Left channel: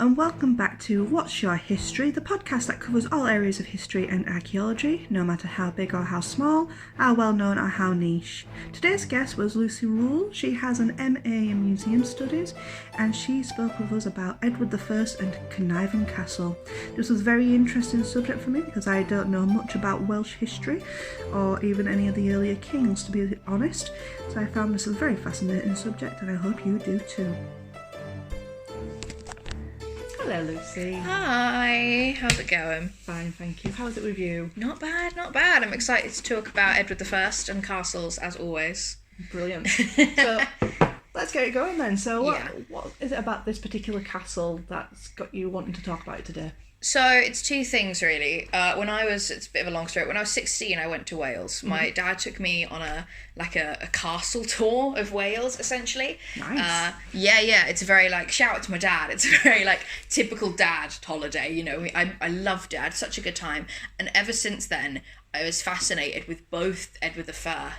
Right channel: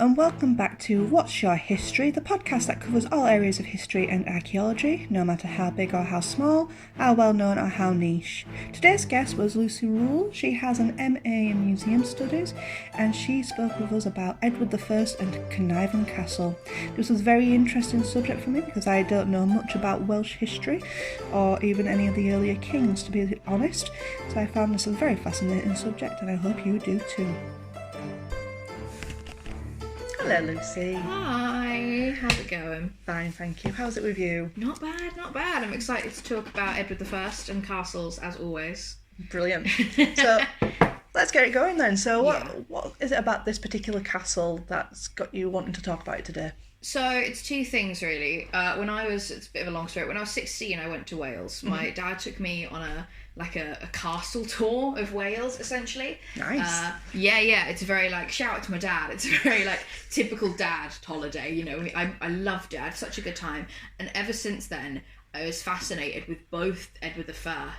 and welcome back to What's Your History, the podcast that covers all areas of history and archaeology, no matter how big or how small, how well known or how niche. Today's guest was Lucy Rule. She has an MA in Museum Studies, and she spoke with us about Edward I and Caernarfon Castle. This was a very interesting subject for me because I don't know much about Welsh history or even any of the earlier kings, to be honest, so I found this a very fascinating subject and I hope you do too. Hello, Lucy. Hi, how's it going? Fine, thank you. How's it with you? Not bad, not bad. I'm excited to talk about Edward I and castles, as always. Brilliant. So, let's get it going then. So, what is it about this particular castle that's got you wanting to talk about it today? So, it's two things, really. It's a bit of a long story. When I was 16, I went to Wales. My dad took me on a castle tour of Wales, essentially. Nice. Yeah. It's a very, shout out to my dad. It's a very, typical dad holiday, you know. I loved it. I had such a good time. And ever since then, I was fascinated with both Edward I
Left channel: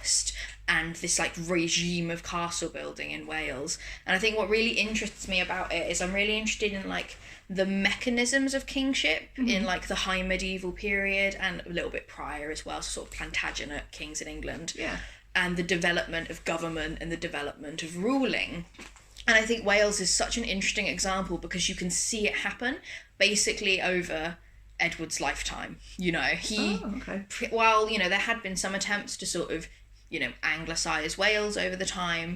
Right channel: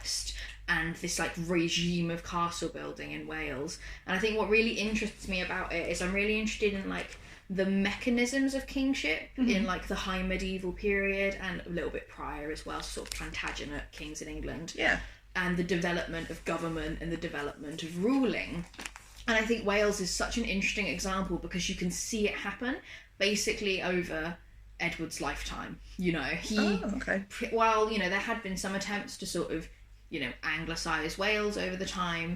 and this, regime of castle building in Wales. And I think what really interests me about it is I'm really interested in, the mechanisms of kingship in the high medieval period and a little bit prior as well, so sort of Plantagenet kings in England. Yeah. And the development of government and the development of ruling. And I think Wales is such an interesting example because you can see it happen basically over Edward's lifetime. You know, while, there had been some attempts to sort of, Anglicise Wales over the time.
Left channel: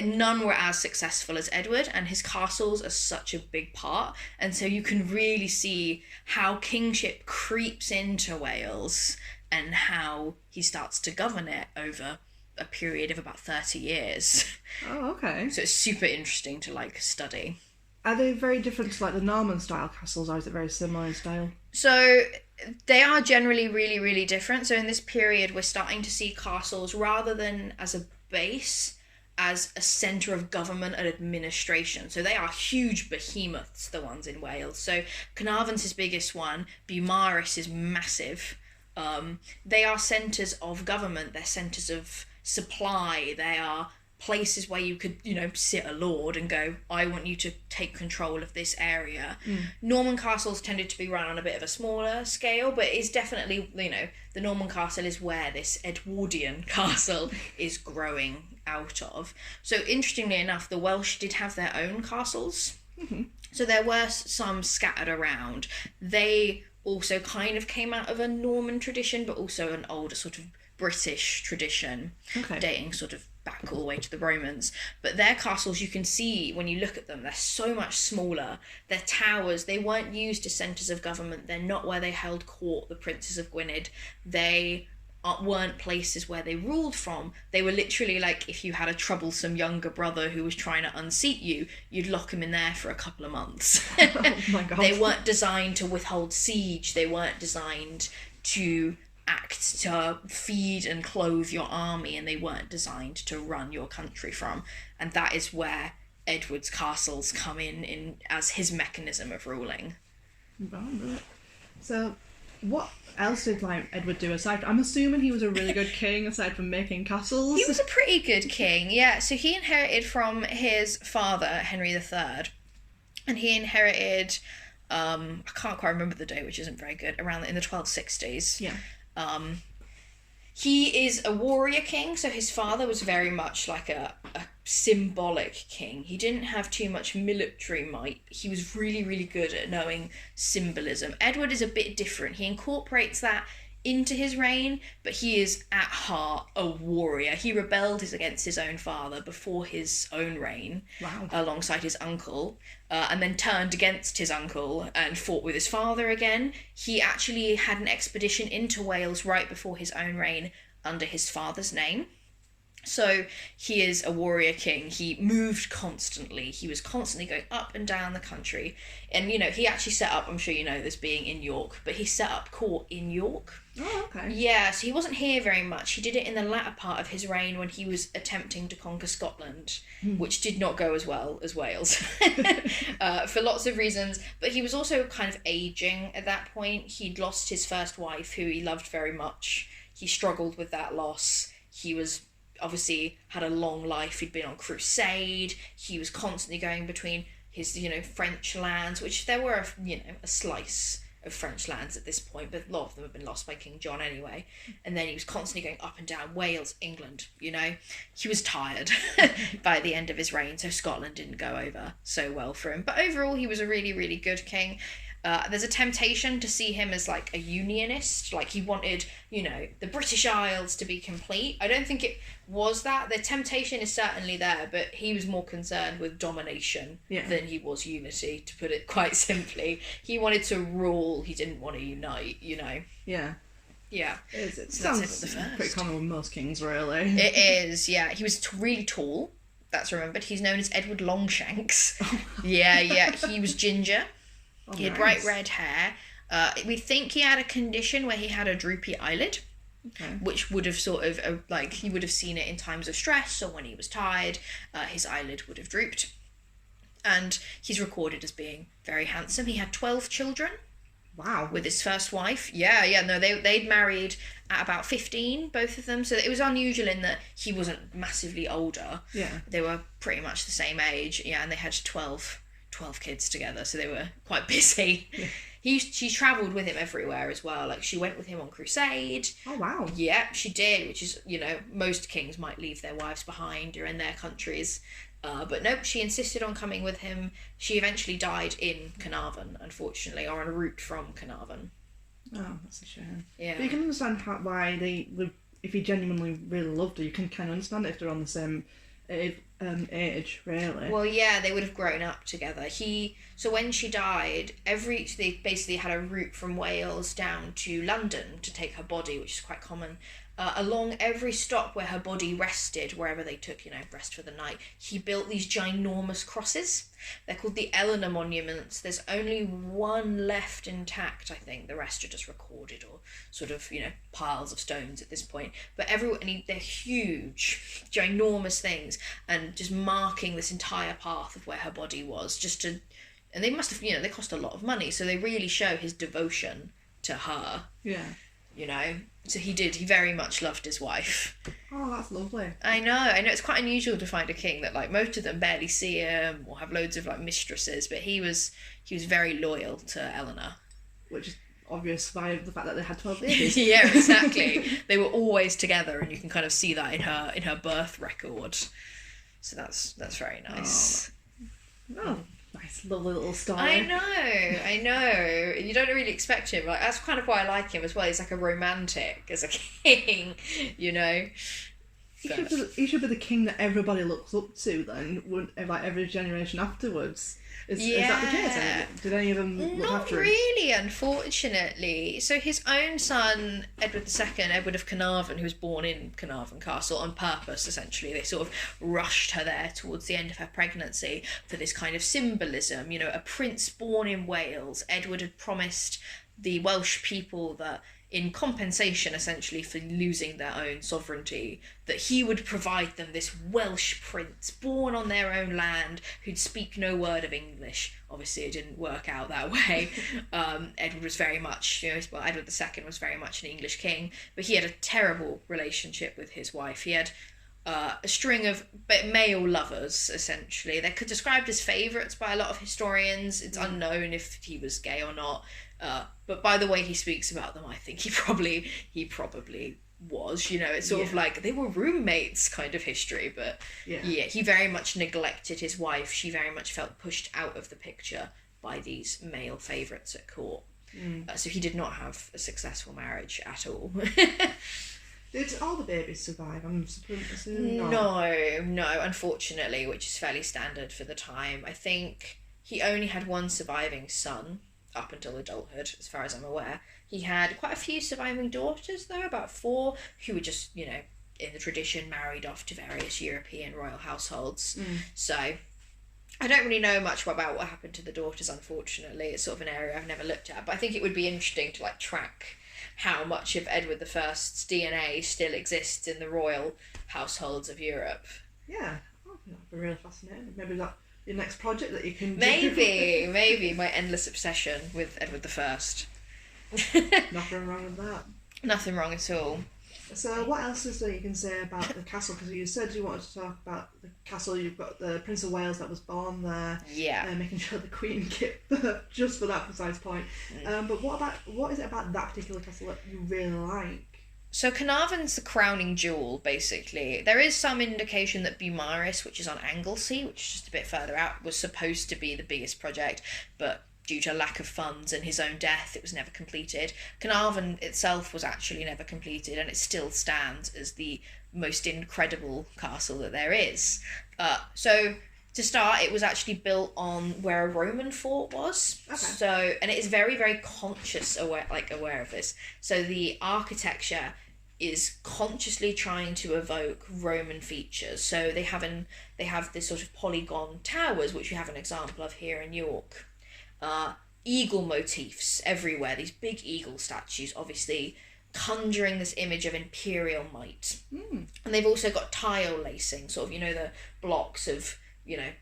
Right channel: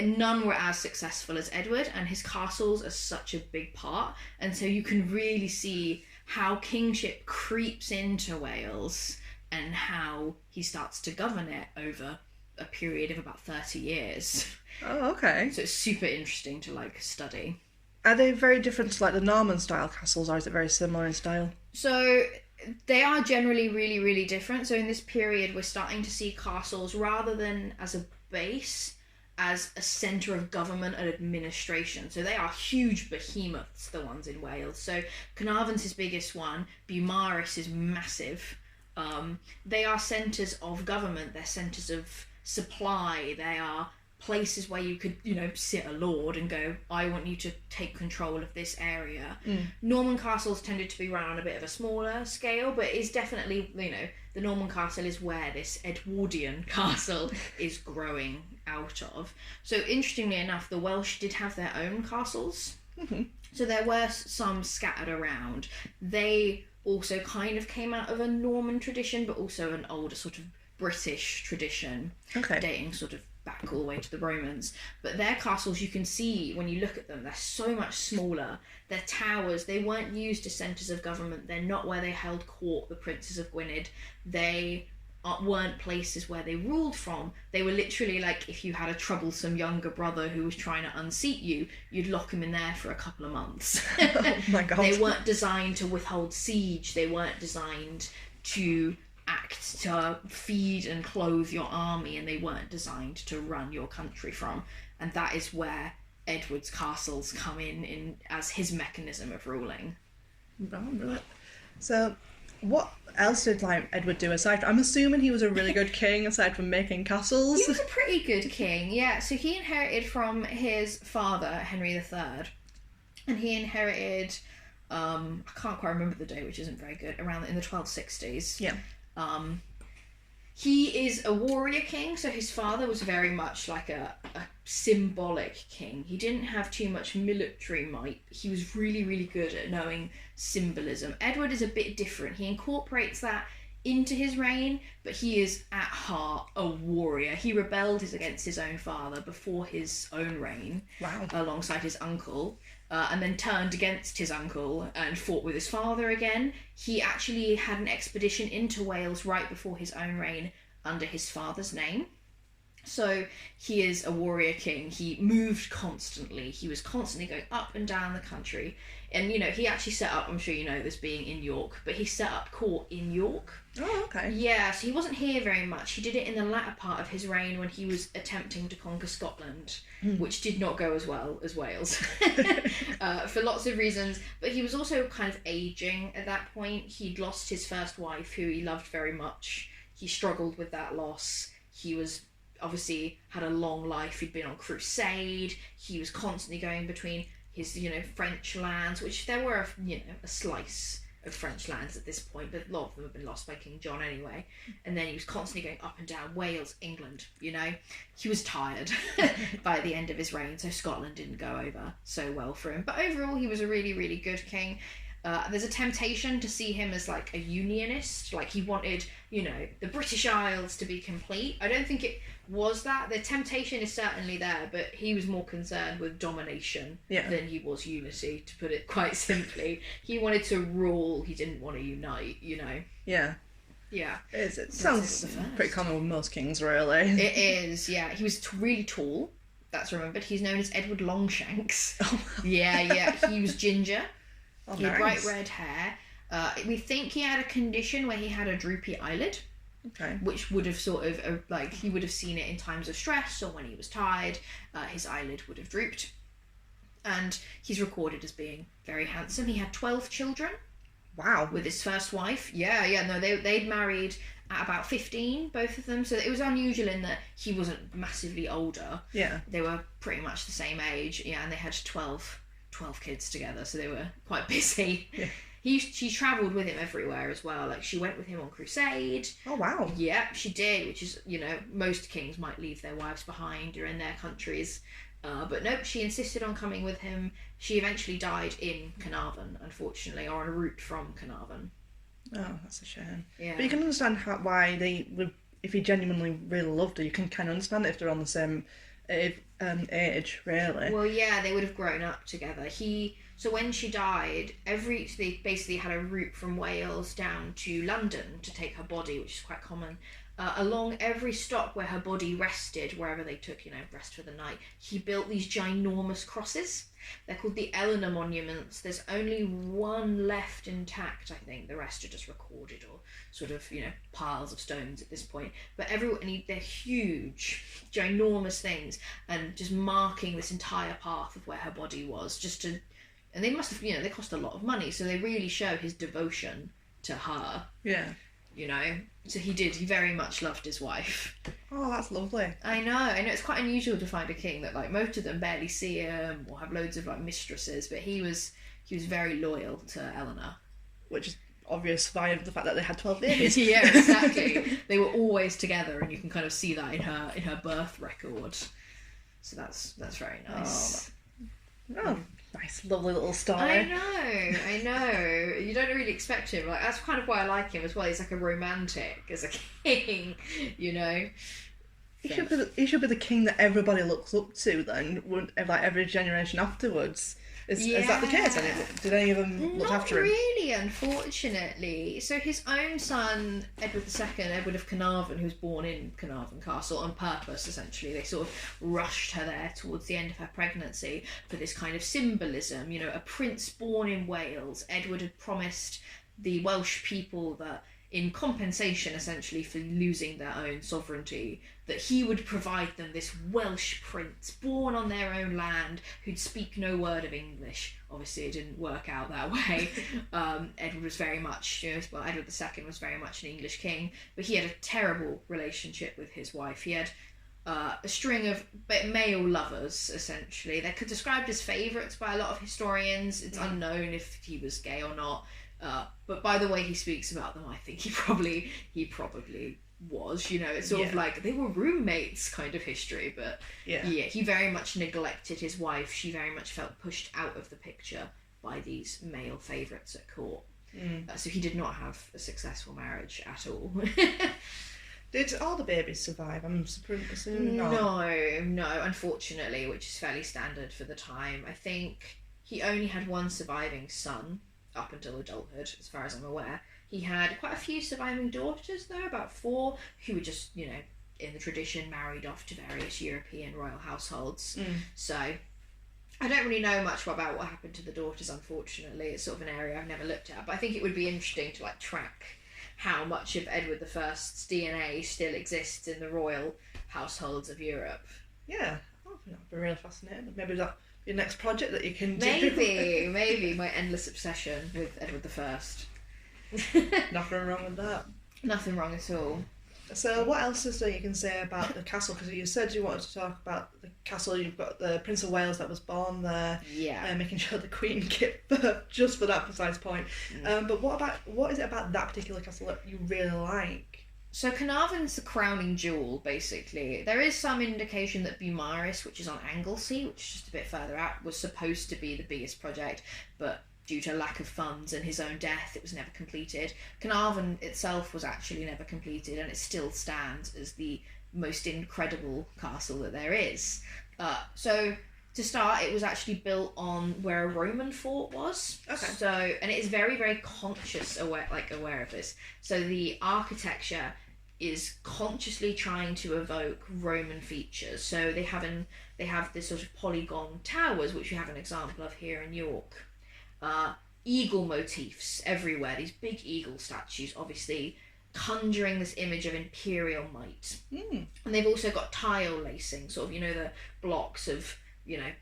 None were as successful as Edward, and his castles are such a big part. And so you can really see how kingship creeps into Wales and how he starts to govern it over a period of about 30 years. Oh, okay. So it's super interesting to study. Are they very different to the Norman style castles, or is it very similar in style? So they are generally really, really different. So in this period, we're starting to see castles rather than as a base, as a centre of government and administration. So they are huge behemoths, the ones in Wales. So Caernarfon's his biggest one. Beaumaris is massive. They are centres of government. They're centres of supply. They are places where you could, sit a lord and go, I want you to take control of this area. Norman castles tended to be run on a bit of a smaller scale, but it's definitely, the Norman castle is where this Edwardian castle is growing out of. So interestingly enough, the Welsh did have their own castles. So there were some scattered around. They also kind of came out of a Norman tradition, but also an older sort of British tradition, dating sort of back all the way to the Romans. But their castles, you can see when you look at them, they're so much smaller. Their towers, they weren't used as centres of government. They're not where they held court, the princes of Gwynedd. They weren't places where they ruled from. They were literally if you had a troublesome younger brother who was trying to unseat you, you'd lock him in there for a couple of months. Oh my God. They weren't designed to withhold siege. They weren't designed to act to feed and clothe your army, and they weren't designed to run your country from. And that is where Edward's castles come in as his mechanism of ruling. Right. So what else did Edward do aside? I'm assuming he was a really good king aside from making castles. He was a pretty good king, yeah. So he inherited from his father, Henry III, and he inherited I can't quite remember the date, which isn't very good, around in the 1260s. Yeah. He is a warrior king, so his father was very much a symbolic king. He didn't have too much military might. He was really, really good at knowing symbolism. Edward is a bit different. He incorporates that into his reign, but he is at heart a warrior. He rebelled against his own father before his own reign. Wow. Alongside his uncle, and then turned against his uncle and fought with his father again. He actually had an expedition into Wales right before his own reign under his father's name. So he is a warrior king. He moved constantly. He was constantly going up and down the country. And, he actually set up, I'm sure you know this being in York, but he set up court in York. Oh, okay. Yeah, so he wasn't here very much. He did it in the latter part of his reign when he was attempting to conquer Scotland, which did not go as well as Wales, for lots of reasons. But he was also kind of aging at that point. He'd lost his first wife, who he loved very much. He struggled with that loss. He was obviously had a long life. He'd been on crusade. He was constantly going between his, you know, French lands, which there were, you know, a slice of French lands at this point, but a lot of them have been lost by King John anyway. And then he was constantly going up and down Wales, England, you know. He was tired by the end of his reign, so Scotland didn't go over so well for him. But overall, he was a really, really good king. There's a temptation to see him as like a unionist, like he wanted, you know, the British Isles to be complete. I don't think it was that. The temptation is certainly there, but he was more concerned with domination than he was unity, to put it quite simply. He wanted to rule, he didn't want to unite, you know. Yeah. Yeah. It sounds pretty common with most kings, really. It is, yeah. He was really tall, that's remembered. He's known as Edward Longshanks. Yeah. He was ginger. He had bright red hair. We think he had a condition where he had a droopy eyelid, which would have sort of, like, he would have seen it in times of stress or when he was tired, his eyelid would have drooped. And he's recorded as being very handsome. He had 12 children. Wow. With his first wife. Yeah, no, they'd married at about 15, both of them. So it was unusual in that he wasn't massively older. Yeah. They were pretty much the same age, and they had 12 kids together, so they were quite busy. Yeah. She travelled with him everywhere as well. Like, she went with him on crusade. Oh, wow. Yeah, she did, which is, you know, most kings might leave their wives behind or in their countries. But no, she insisted on coming with him. She eventually died in Caernarfon, unfortunately, or en route from Caernarfon. Oh, that's a shame. Yeah. But you can understand why they would, if he genuinely really loved her, you can kind of understand it if they're on the same age, really. Well, yeah, they would have grown up together. So when she died, they basically had a route from Wales down to London to take her body, which is quite common. Along every stop where her body rested, wherever they took, you know, rest for the night, he built these ginormous crosses. They're called the Eleanor monuments. There's only one left intact, I think. The rest are just recorded or sort of, you know, piles of stones at this point. But they're huge, ginormous things, and just marking this entire path of where her body was, and they must have, you know, they cost a lot of money, so they really show his devotion to her. Yeah. You know, so he very much loved his wife. Oh, that's lovely. I know, it's quite unusual to find a king that, like, most of them barely see him or have loads of, like, mistresses, but he was very loyal to Eleanor. Which is obvious by the fact that they had 12 babies. Yeah, exactly. They were always together, and you can kind of see that in her birth record. So that's very nice. Oh, nice, lovely little story. I know. You don't really expect him. Like, that's kind of why I like him as well. He's like a romantic as a king, you know. He should be the king that everybody looks up to then, like every generation afterwards. Is that the case? Did any of them look after him? Not really, unfortunately. So his own son, Edward II, Edward of Caernarfon, who was born in Caernarfon Castle on purpose, essentially. They sort of rushed her there towards the end of her pregnancy for this kind of symbolism. You know, a prince born in Wales. Edward had promised the Welsh people that, in compensation essentially for losing their own sovereignty, that he would provide them this Welsh prince born on their own land who'd speak no word of English. Obviously it didn't work out that way. Edward was very much, Edward II was very much an English king, but he had a terrible relationship with his wife. He had a string of male lovers, essentially. They're described as favourites by a lot of historians. It's unknown if he was gay or not. But by the way he speaks about them, I think he probably was. You know, it's sort of like they were roommates kind of history. But he very much neglected his wife. She very much felt pushed out of the picture by these male favourites at court. So he did not have a successful marriage at all. Did all the babies survive? I'm assuming No, unfortunately, which is fairly standard for the time. I think he only had one surviving son up until adulthood, as far as I'm aware. He had quite a few surviving daughters, though, about 4, who were just, you know, in the tradition, married off to various European royal households. So I don't really know much about what happened to the daughters, unfortunately. It's sort of an area I've never looked at, but I think it would be interesting to, like, track how much of Edward I's DNA still exists in the royal households of Europe. Yeah, that'd be really fascinating. Maybe that your next project that you can do. Maybe my endless obsession with Edward I. Nothing wrong with that. Nothing wrong at all. So what else is there you can say about the castle? Because you said you wanted to talk about the castle. You've got the Prince of Wales that was born there. Yeah. Making sure the Queen gave birth just for that precise point. But what is it about that particular castle that you really like? So Caernarfon's the crowning jewel, basically. There is some indication that Beaumaris, which is on Anglesey, which is just a bit further out, was supposed to be the biggest project, but due to lack of funds and his own death, it was never completed. Caernarfon itself was actually never completed, and it still stands as the most incredible castle that there is. So to start, it was actually built on where a Roman fort was. Okay. So, and it is very, very aware of this. So the architecture is consciously trying to evoke Roman features. So they have this sort of polygon towers, which we have an example of here in York. Eagle motifs everywhere, these big eagle statues, obviously conjuring this image of imperial might. And they've also got tile lacing, sort of, the blocks of,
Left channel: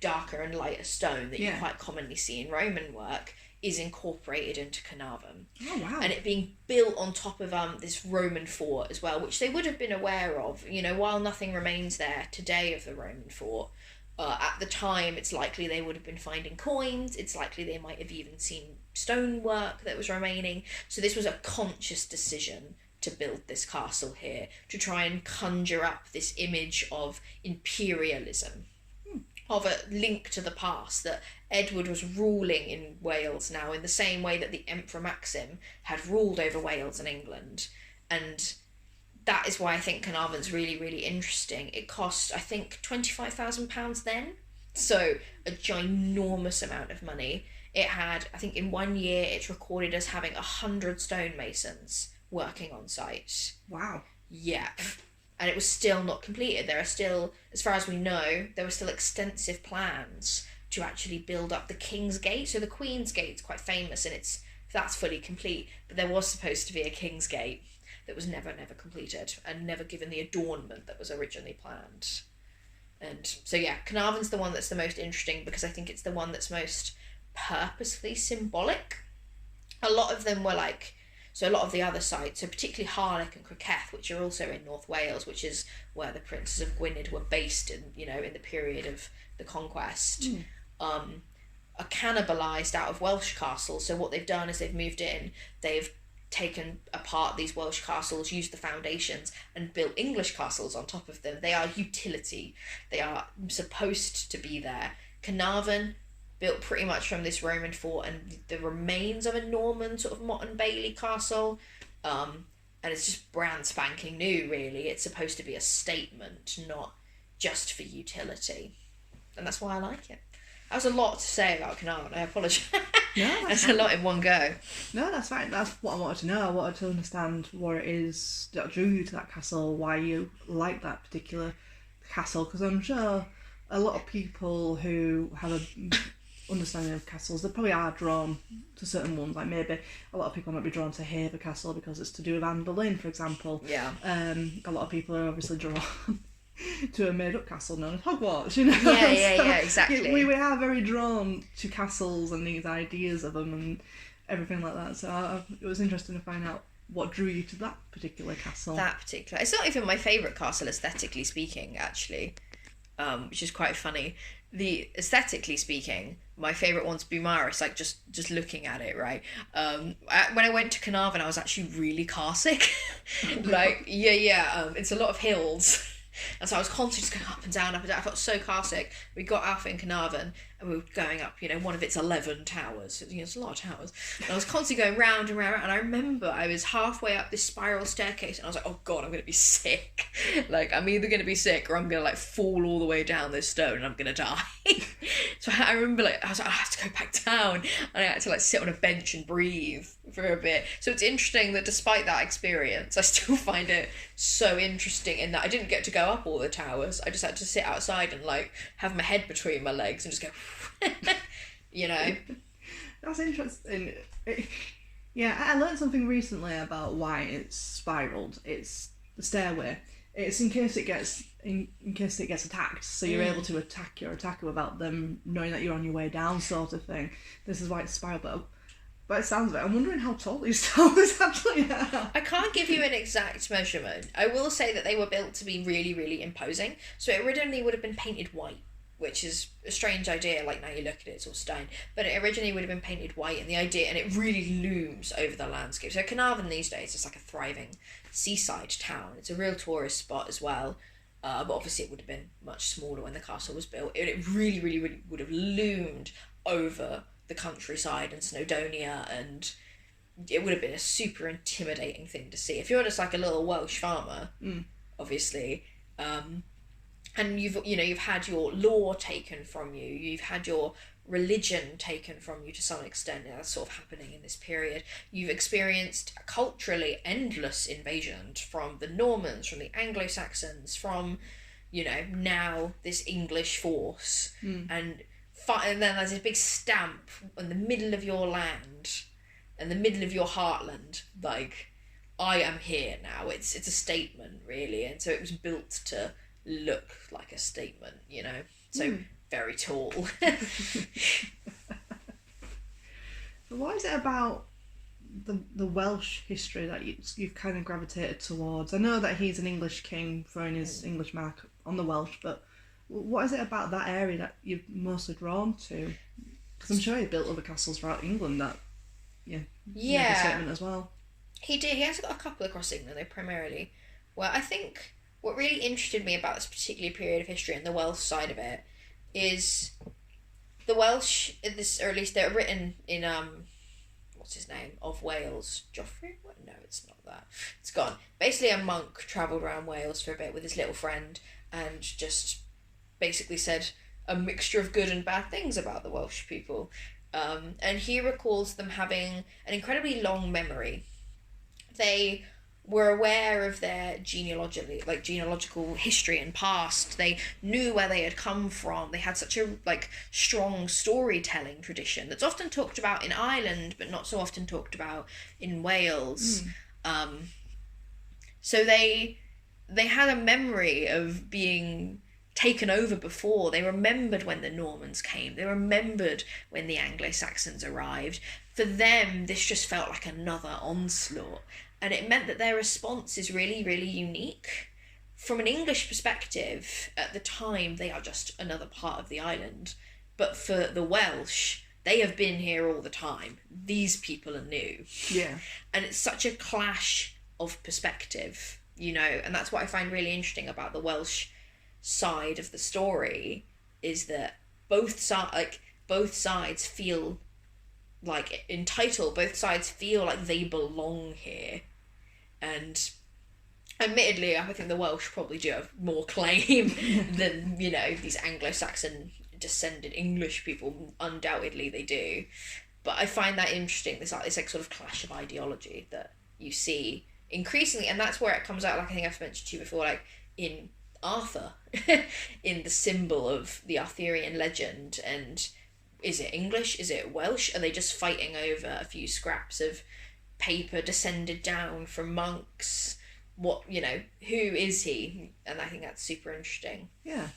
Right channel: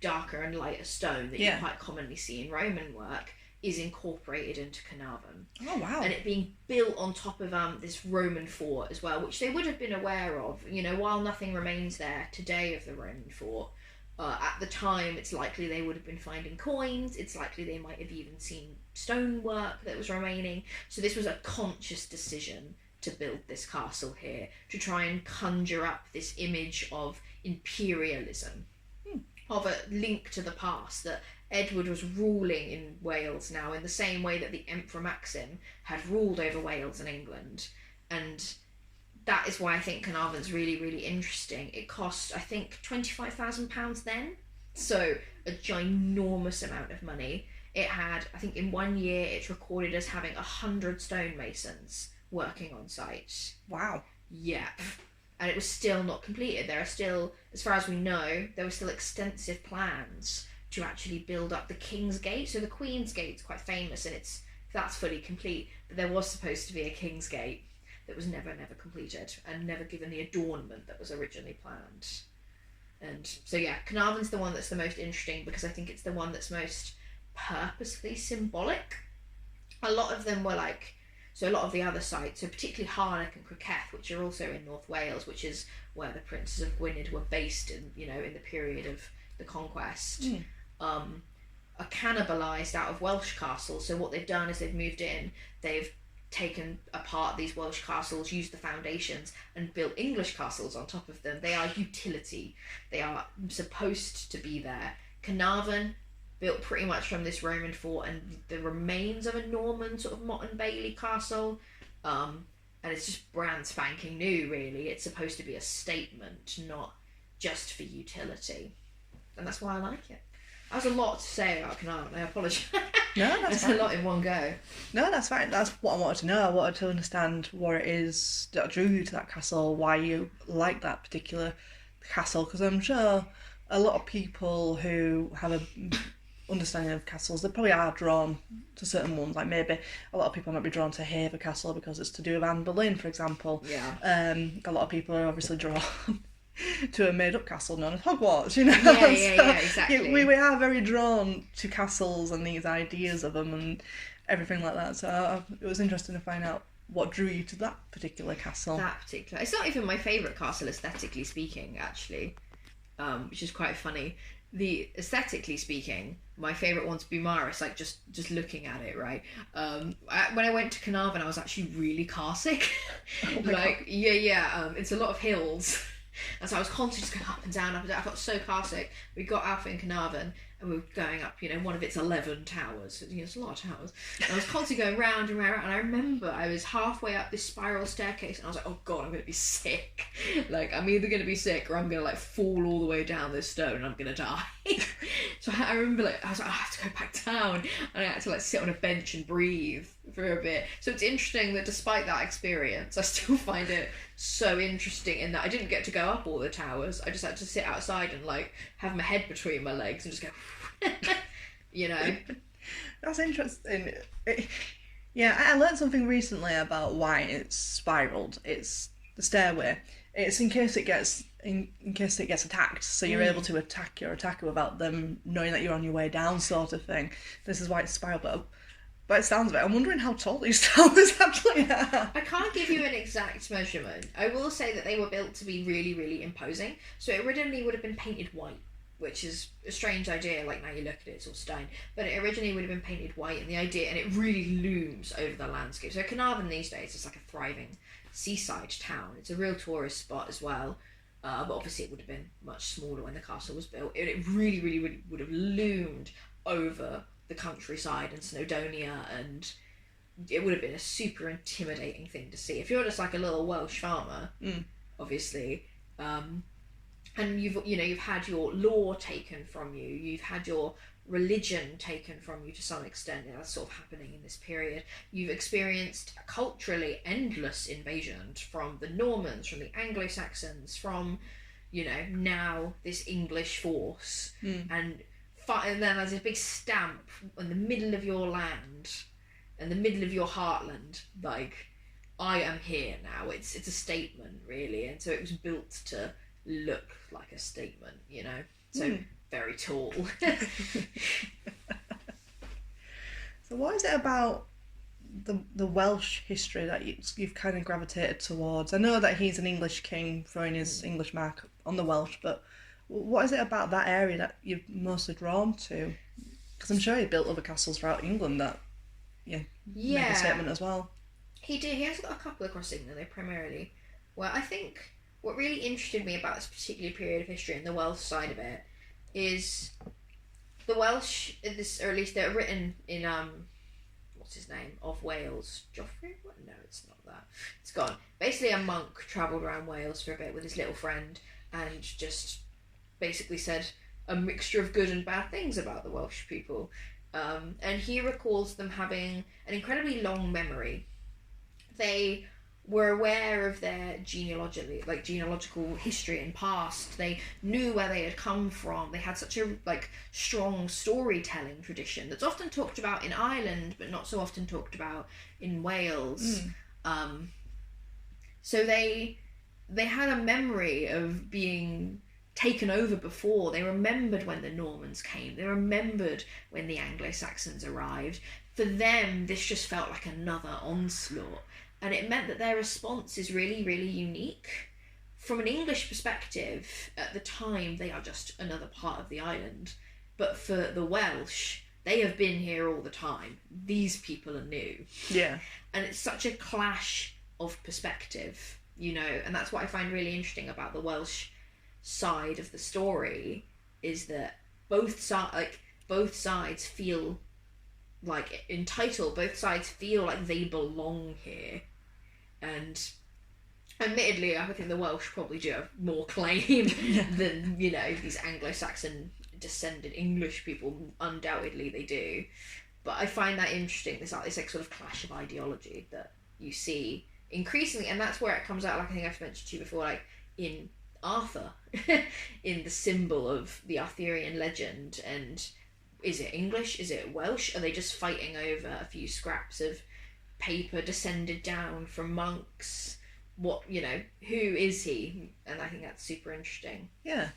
darker and lighter stone that you quite commonly see in Roman work is incorporated into Caernarfon. Oh, wow. And it being built on top of this Roman fort as well, which they would have been aware of, while nothing remains there today of the Roman fort. At the time, it's likely they would have been finding coins. It's likely they might have even seen stonework that was remaining. So this was a conscious decision to build this castle here, to try and conjure up this image of imperialism, of a link to the past, that Edward was ruling in Wales now in the same way that the Emperor Maxim had ruled over Wales and England. And that is why I think Caernarfon's really, really interesting. It cost, I think, £25,000 then. So a ginormous amount of money. It had, I think in 1 year, it's recorded as having 100 stonemasons working on site. Wow. Yeah. And it was still not completed. There are still, as far as we know, there were still extensive plans to actually build up the King's Gate. So the Queen's Gate's quite famous, and that's fully complete. But there was supposed to be a King's Gate that was never completed and never given the adornment that was originally planned. And so Caernarfon's the one that's the most interesting, because I think it's the one that's most purposely symbolic. A lot of them were a lot of the other sites, so particularly Harlech and Criceth, which are also in North Wales, which is where the Princes of Gwynedd were based in the period of the conquest, are cannibalised out of Welsh castles. So what they've done is they've moved in, they've taken apart these Welsh castles, used the foundations, and built English castles on top of them. They are utility. They are supposed to be there. Caernarfon, built pretty much from this Roman fort and the remains of a Norman sort of Motte and Bailey castle. And it's just brand spanking new, really. It's supposed to be a statement, not just for utility. And that's why I like it. That was a lot to say about Caernarfon. I apologise. No, that's a lot in one go. No, that's fine. That's what I wanted to know. I wanted to understand what it is that drew you to that castle, why you like that particular castle, because I'm sure a lot of people who have a understanding of castles, they probably are drawn to certain ones. Like maybe a lot of people might be drawn to Haver Castle because it's to do with Anne Boleyn, for example. Yeah. A lot of people are obviously drawn to a made-up castle known as Hogwarts, Yeah, exactly. We are very drawn to castles and these ideas of them and everything like that. So it was interesting to find out what drew you to that particular castle. It's not even my favourite castle, aesthetically speaking, actually, which is quite funny. Aesthetically speaking, my favourite one's Beaumaris, just looking at it, right? When I went to Caernarfon, I was actually really car sick. It's a lot of hills. And so I was constantly just going up and down. I felt so car sick. We got out in Caernarfon and we were going up, one of its 11 towers. It's a lot of towers. And I was constantly going round and round. And I remember I was halfway up this spiral staircase and I was like, oh God, I'm going to be sick. I'm either going to be sick or I'm going to fall all the way down this stone and I'm going to die. So I remember I was like, I have to go back down. And I had to sit on a bench and breathe for a bit. So it's interesting that despite that experience, I still find it so interesting in that I didn't get to go up all the towers. I just had to sit outside and have my head between my legs and just go That's interesting. I learned something recently about why it's spiraled. It's the stairway. It's in case it gets attacked, so you're able to attack your attacker without them knowing that you're on your way down, sort of thing. This is why it's spiraled. But it sounds of it. I'm wondering how tall these towers actually are. I can't give you an exact measurement. I will say that they were built to be really, really imposing. So it originally would have been painted white, which is a strange idea. Like, now you look at it, it's all stone. But it originally would have been painted white, and it really looms over the landscape. So Caernarfon these days is like a thriving seaside town. It's a real tourist spot as well. But obviously it would have been much smaller when the castle was built. It really, really, really would have loomed over the countryside and Snowdonia, and it would have been a super intimidating thing to see. If you're just like a little Welsh farmer, obviously, and you've had your law taken from you, you've had your religion taken from you to some extent. That's sort of happening in this period. You've experienced culturally endless invasion from the Normans, from the Anglo-Saxons, from now this English force, and then there's this big stamp in the middle of your land, in the middle of your heartland, like, I am here now. It's a statement, really, and so it was built to look like a statement, so very tall. So what is it about the Welsh history that you've kind of gravitated towards? I know that he's an English king throwing his English mark on the Welsh, but what is it about that area that you're mostly drawn to? Because I'm sure he built other castles throughout England that make a statement as well. He did. He has got a couple across England, though, primarily. Well, I think what really interested me about this particular period of history and the Welsh side of it is the Welsh, or at least they're written in, what's his name, of Wales? Joffrey? What? No, it's not that. It's gone. Basically, a monk travelled around Wales for a bit with his little friend and just basically said a mixture of good and bad things about the Welsh people. And he recalls them having an incredibly long memory. They were aware of their genealogical history and past. They knew where they had come from. They had such a strong storytelling tradition that's often talked about in Ireland, but not so often talked about in Wales. So they had a memory of being taken over before. They remembered when the Normans came. They remembered when the Anglo-Saxons arrived. For them, this just felt like another onslaught. And it meant that their response is really, really unique. From an English perspective, at the time, they are just another part of the island. But for the Welsh, they have been here all the time. These people are new. Yeah. And it's such a clash of perspective, and that's what I find really interesting about the Welsh side of the story, is that both sides feel like entitled, both sides feel like they belong here. And admittedly, I think the Welsh probably do have more claim than, these Anglo-Saxon descended English people. Undoubtedly they do. But I find that interesting, this sort of clash of ideology that you see increasingly, and that's where it comes out, like I think I've mentioned to you before, like in Arthur, in the symbol of the Arthurian legend. And is it English? Is it Welsh? Are they just fighting over a few scraps of paper descended down from monks? Who is he? And I think that's super interesting. Yeah,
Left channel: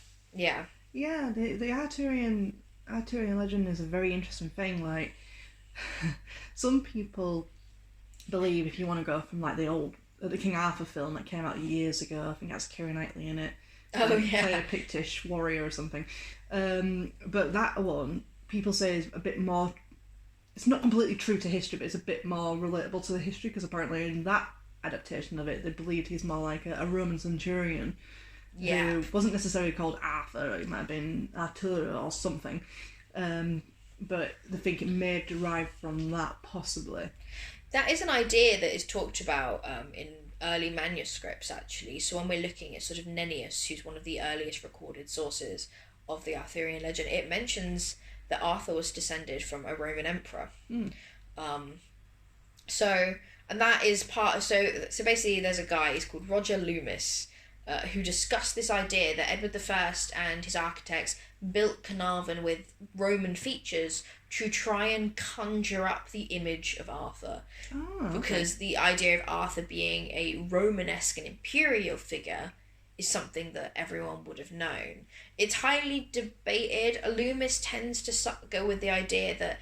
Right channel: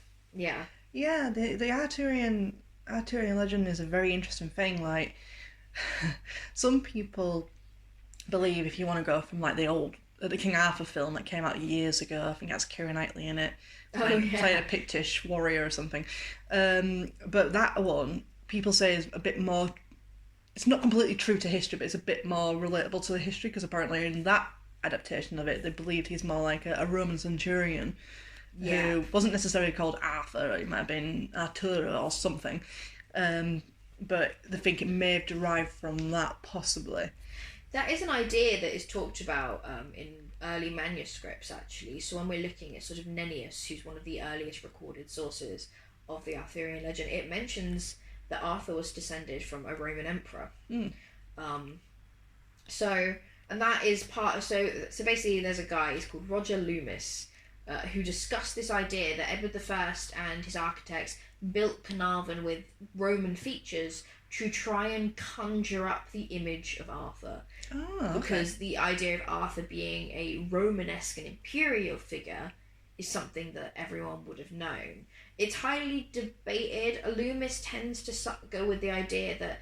the Arthurian legend is a very interesting thing. Like, some people believe, if you want to go from like the King Arthur film that came out years ago, I think that's Keira Knightley in it. Played a Pictish warrior or something. But that one, people say, is a bit more, it's not completely true to history, but it's a bit more relatable to the history, because apparently in that adaptation of it, they believed he's more like a Roman centurion who wasn't necessarily called Arthur. It might have been Arturo or something. But they think it may have derived from that, possibly. That is an idea that is talked about in early manuscripts, actually. So when we're looking at sort of Nennius, who's one of the earliest recorded sources of the Arthurian legend, it mentions that Arthur was descended from a Roman emperor. And that is part of, so basically there's a guy, he's called Roger Loomis, who discussed this idea that Edward I and his architects built Caernarfon with Roman features to try and conjure up the image of Arthur. Because the idea of Arthur being a Romanesque and imperial figure is something that everyone would have known. It's highly debated. Loomis tends to go with the idea that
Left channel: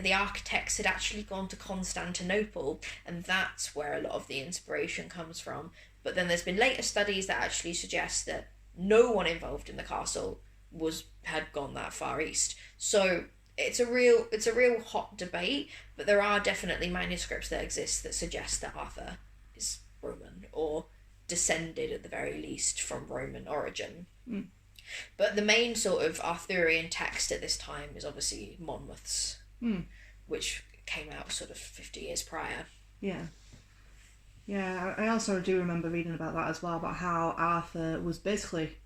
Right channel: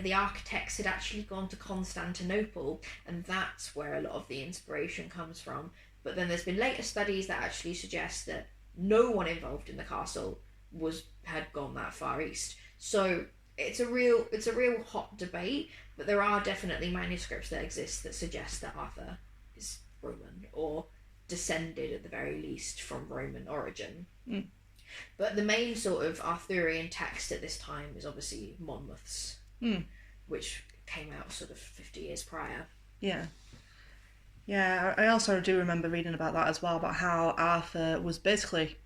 the architects had actually gone to Constantinople, and that's where a lot of the inspiration comes from. But then there's been later studies that actually suggest that no one involved in the castle had gone that far east. So it's a real hot debate, but there are definitely manuscripts that exist that suggest that Arthur is Roman, or descended at the very least from Roman origin. But the main sort of Arthurian text at this time is obviously Monmouth's, which came out sort of 50 years prior. Yeah, I also do remember reading about that as well, about how Arthur was basically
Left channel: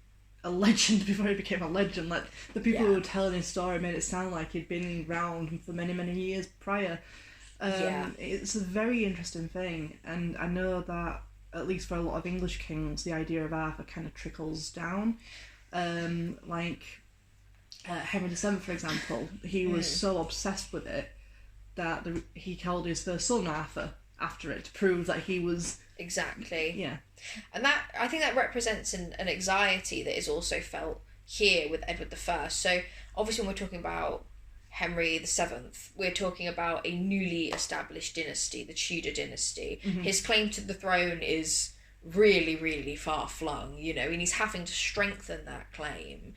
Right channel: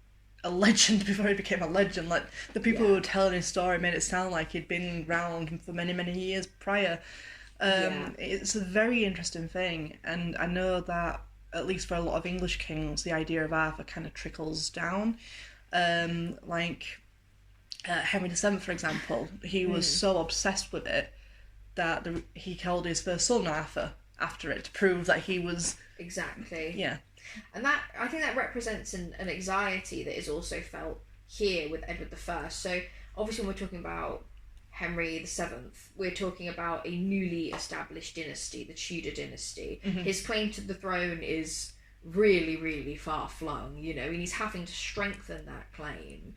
a legend before he became a legend. Like, the people who were telling his story made it sound like he'd been around for many, many years prior. It's a very interesting thing, and I know that, at least for a lot of English kings, the idea of Arthur kind of trickles down. Henry VII, for example, he was so obsessed with it that he called his first son Arthur after it, to prove that he was... Exactly. Yeah. And that, I think that represents an anxiety that is also felt here with Edward I. So obviously when we're talking about Henry VII, we're talking about a newly established dynasty, the Tudor dynasty. His claim to the throne is really, really far-flung, and he's having to strengthen that claim,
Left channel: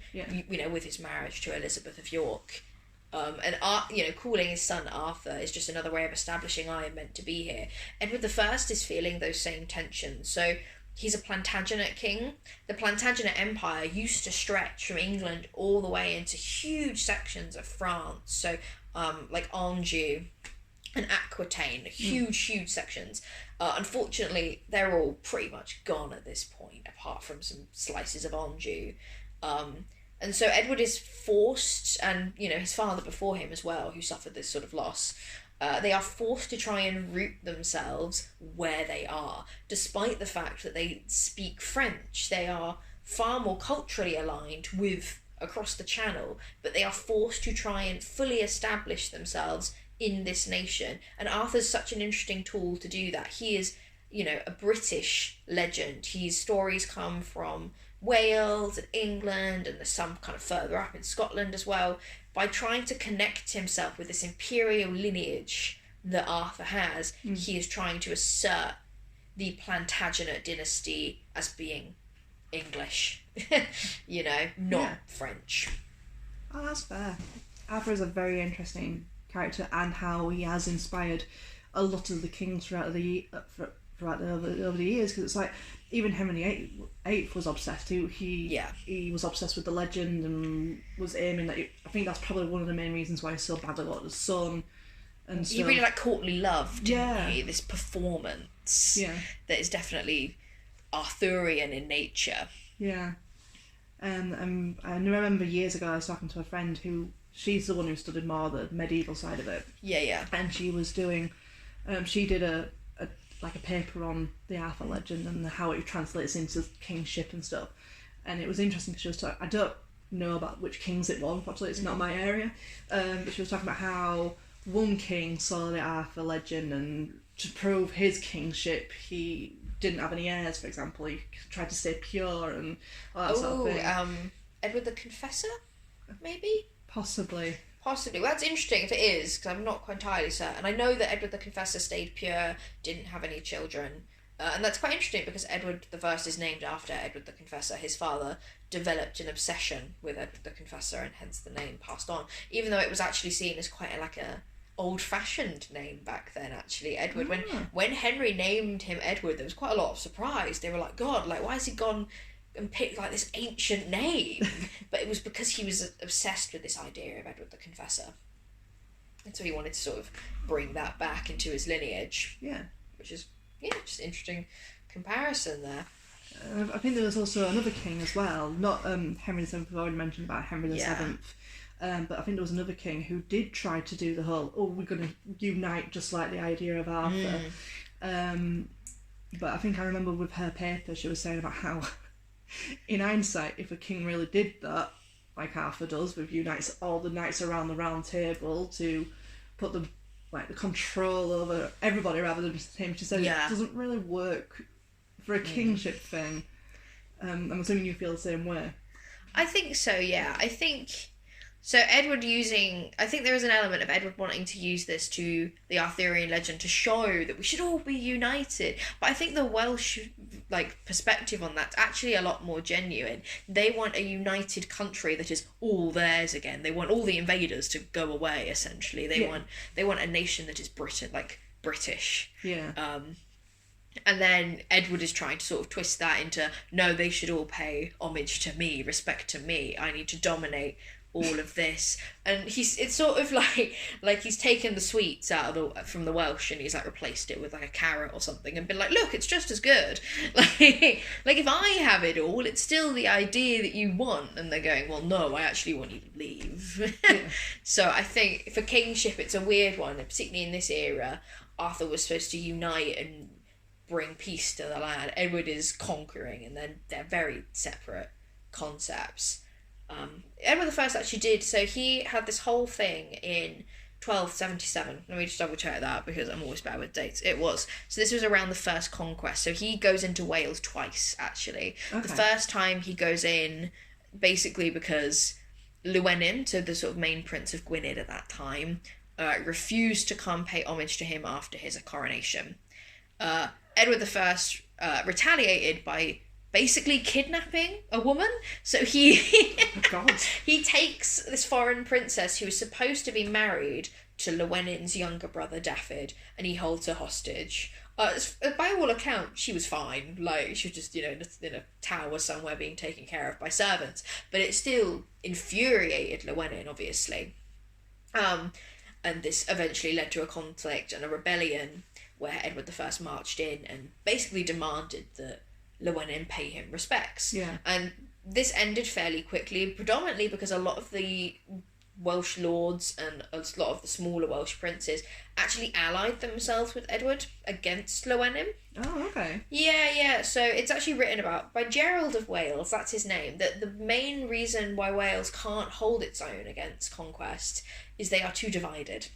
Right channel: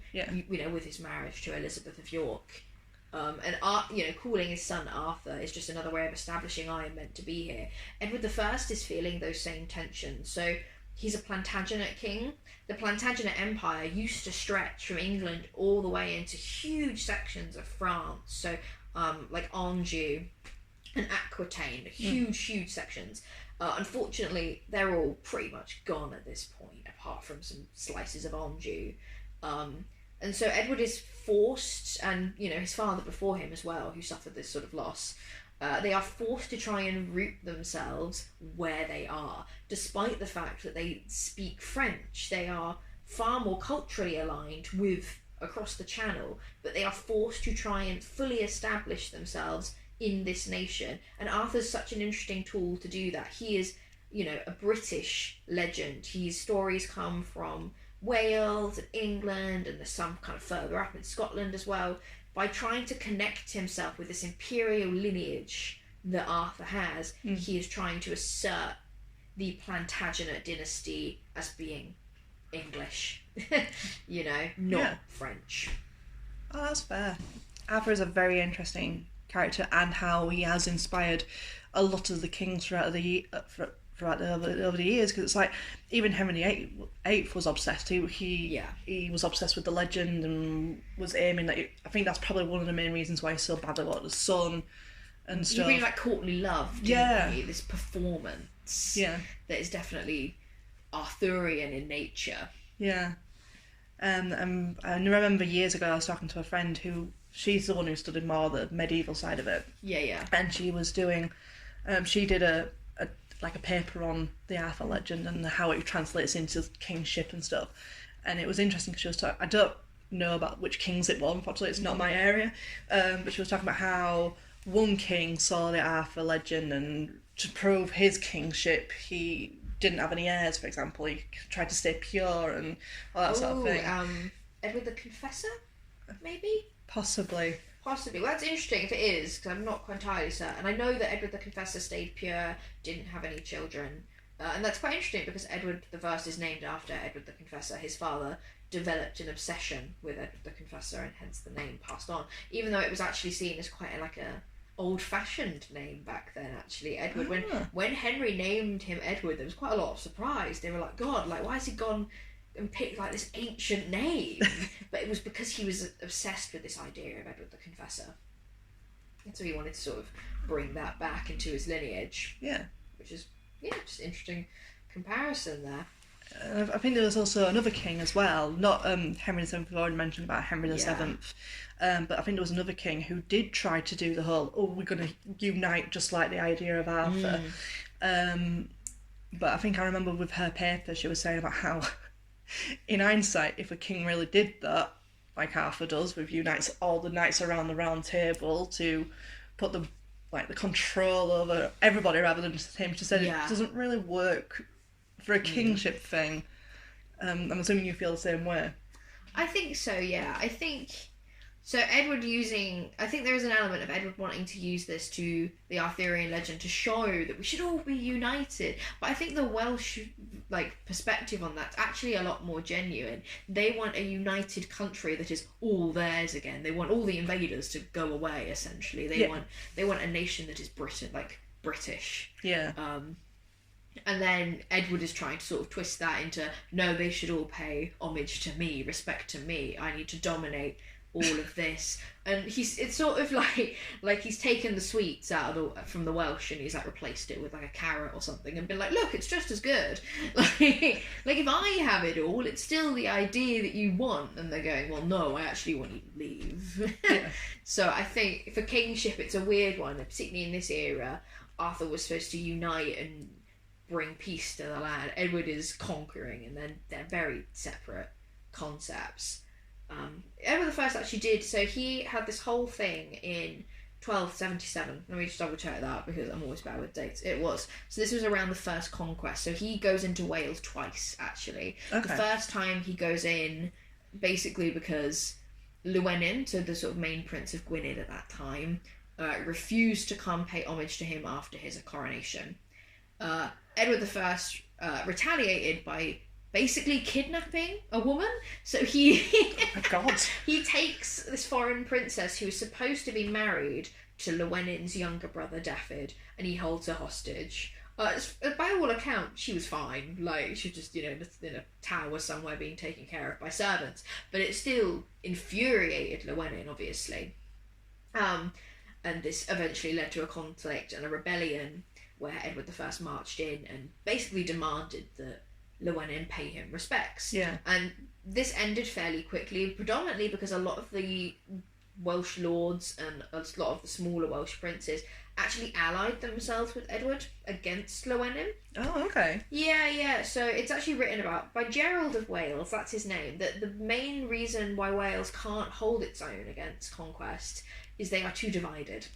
with his marriage to Elizabeth of York. Calling his son Arthur is just another way of establishing I am meant to be here. Edward I is feeling those same tensions. So he's a Plantagenet king. The Plantagenet Empire used to stretch from England all the way into huge sections of France. So, like Anjou and Aquitaine, huge sections. Unfortunately, they're all pretty much gone at this point, apart from some slices of Anjou. And so Edward is forced, and his father before him as well, who suffered this sort of loss, they are forced to try and root themselves where they are, despite the fact that they speak French. They are far more culturally aligned with across the Channel, but they are forced to try and fully establish themselves in this nation. And Arthur's such an interesting tool to do that. He is, a British legend. His stories come from Wales and England, and there's some kind of further up in Scotland as well. By trying to connect himself with this imperial lineage that Arthur has, he is trying to assert the Plantagenet dynasty as being English, not French. Oh, that's fair. Arthur is a very interesting character, and how he has inspired a lot of the kings throughout the over the years, because it's like even Henry VIII was obsessed. He was obsessed with the legend and was aiming at it. I think that's probably one of the main reasons why he's so bad about the son and stuff. He really like courtly love, didn't he? This performance that is definitely Arthurian in nature. And I remember years ago I was talking to a friend who, she's the one who studied more the medieval side of it. And she was doing she did a paper on the Arthur legend and how it translates into kingship and stuff. And it was interesting because she was talking, I don't know about which kings it was, unfortunately it's not my area, but she was talking about how one king saw the Arthur legend, and to prove his kingship he didn't have any heirs, for example. He tried to stay pure and all that sort of thing. Edward the Confessor, maybe? Possibly. Well, that's interesting if it is, because I'm not quite entirely certain. I know that Edward the Confessor stayed pure, didn't have any children, and that's quite interesting because Edward I is named after Edward the Confessor. His father developed an obsession with Edward the Confessor, and hence the name passed on, even though it was actually seen as quite a old-fashioned name back then, actually. Edward, when Henry named him Edward, there was quite a lot of surprise. They were like, God, why has he gone and picked this ancient name? But it was because he was obsessed with this idea of Edward the Confessor, and so he wanted to sort of bring that back into his lineage. Which is just interesting comparison there. I think there was also another king as well, not Henry VII. I've already mentioned about Henry VII, but I think there was another king who did try to do the whole, we're going to unite, just like the idea of Arthur. But I think I remember with her paper she was saying about how in hindsight, if a king really did that, like Arthur does, with unites all the knights around the round table to put the control over everybody rather than just him, she said it doesn't really work for a kingship thing. I'm assuming you feel the same way. I think so, yeah. I think So Edward I think there is an element of Edward wanting to use this to the Arthurian legend to show that we should all be united. But I think the Welsh perspective on that's actually a lot more genuine. They want a united country that is all theirs again. They want all the invaders to go away. Essentially, they want a nation that is British. Yeah. And then Edward is trying to sort of twist that into, no, they should all pay homage to me, respect to me. I need to dominate all of this. And it's sort of like he's taken the sweets from the Welsh and he's replaced it with a carrot or something and been like, look, it's just as good. Like if I have it all, it's still the idea that you want. And they're going, well, no, I actually want you to leave. So I think for kingship, it's a weird one, particularly in this era. Arthur was supposed to unite and bring peace to the land. Edward is conquering, and then they're very separate concepts. Edward I actually did, so he had this whole thing in 1277. Let me just double check that because I'm always bad with dates. It was. So this was around the first conquest. So he goes into Wales twice, actually. Okay. The first time he goes in basically because Llewellyn, so the sort of main prince of Gwynedd at that time, refused to come pay homage to him after his coronation. Edward I retaliated by basically kidnapping a woman. So he he takes this foreign princess who was supposed to be married to Llewellyn's younger brother Dafydd, and he holds her hostage. By all accounts, she was fine. She was just, in a tower somewhere being taken care of by servants. But it still infuriated Llewellyn, obviously. And this eventually led to a conflict and a rebellion where Edward I marched in and basically demanded that Llewellyn pay him respects. Yeah. And this ended fairly quickly, predominantly because a lot of the Welsh lords and a lot of the smaller Welsh princes actually allied themselves with Edward against Llewellyn. Oh, okay. Yeah. So it's actually written about by Gerald of Wales, that's his name, that the main reason why Wales can't hold its own against conquest is they are too divided.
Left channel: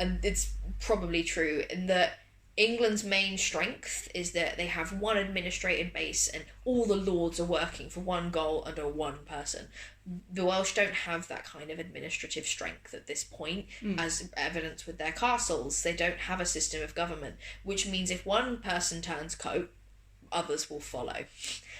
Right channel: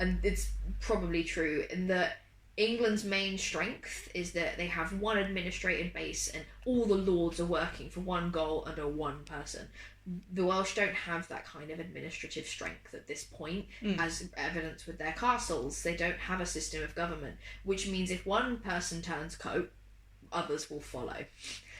And it's probably true in that England's main strength is that they have one administrative base and all the lords are working for one goal under one person. The Welsh don't have that kind of administrative strength at this point, as evidenced with their castles. They don't have a system of government, which means if one person turns coat, others will follow.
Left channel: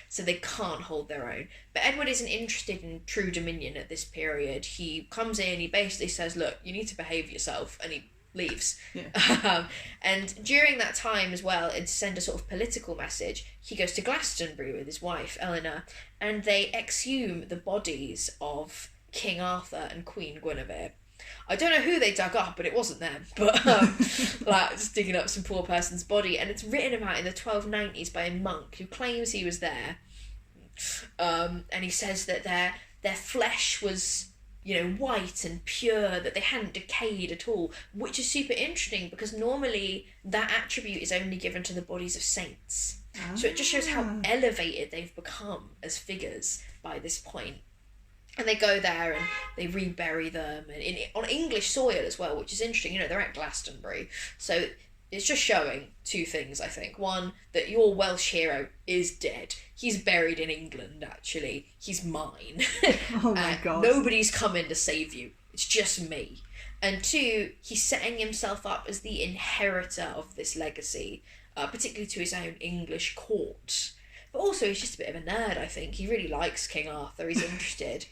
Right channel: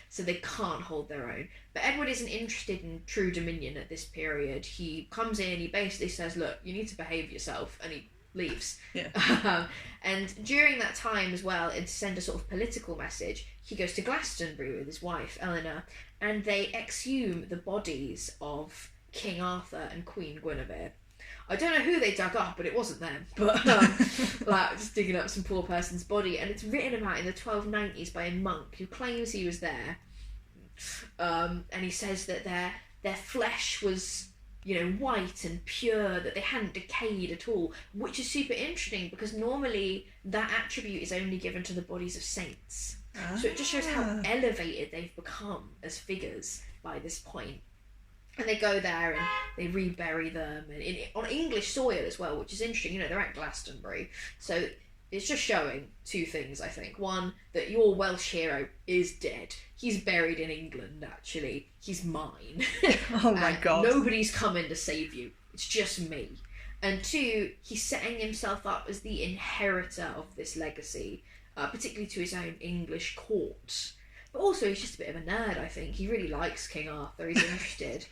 So they can't hold their own. But Edward isn't interested in true dominion at this period. He comes in, he basically says, look, you need to behave yourself, and he leaves. Yeah. And during that time as well, and to send a sort of political message, he goes to Glastonbury with his wife, Eleanor, and they exhume the bodies of King Arthur and Queen Guinevere. I don't know who they dug up, but it wasn't them. But just digging up some poor person's body, and it's written about in the 1290s by a monk who claims he was there, and he says that their flesh was, white and pure, that they hadn't decayed at all, which is super interesting because normally that attribute is only given to the bodies of saints. So it just shows how elevated they've become as figures by this point. And they go there and they rebury them and on English soil as well, which is interesting. They're at Glastonbury. So it's just showing two things, I think. One, that your Welsh hero is dead. He's buried in England, actually. He's mine. Oh my God. Nobody's coming to save you. It's just me. And two, he's setting himself up as the inheritor of this legacy, particularly to his own English court. But also, he's just a bit of a nerd, I think. He really likes King Arthur. He's interested.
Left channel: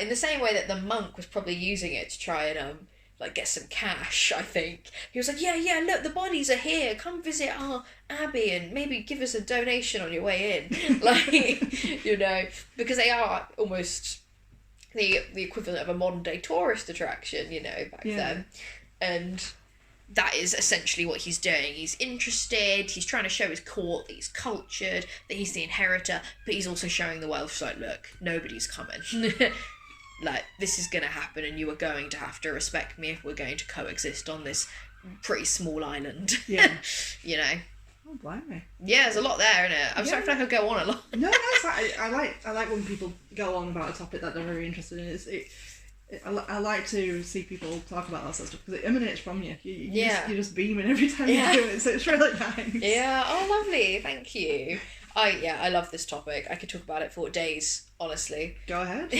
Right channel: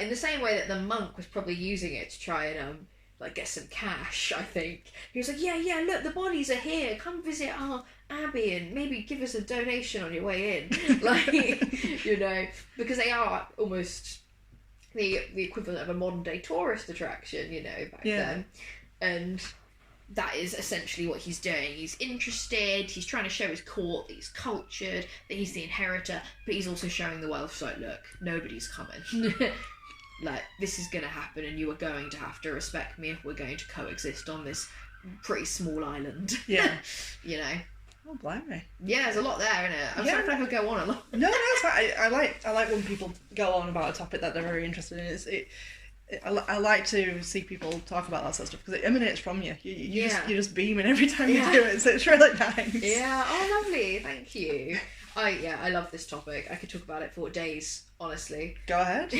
In the same way that the monk was probably using it to try and get some cash, I think. He was like, yeah, look, the bodies are here. Come visit our abbey and maybe give us a donation on your way in. Because they are almost the equivalent of a modern day tourist attraction, back then. And that is essentially what he's doing. He's interested, he's trying to show his court that he's cultured, that he's the inheritor, but he's also showing the Welsh, look, nobody's coming. This is going to happen and you are going to have to respect me if we're going to coexist on this pretty small island. Yeah. Oh, blimey. Yeah, there's a lot there, isn't it? I'm sorry if I could go on a lot. No, I like when people go on about a topic that they're very interested in. I like to see people talk about that sort of stuff because it emanates from you. You're just beaming every time you do it, so it's really nice. Yeah, oh lovely, thank you. I love this topic. I could talk about it for days, honestly. Go ahead.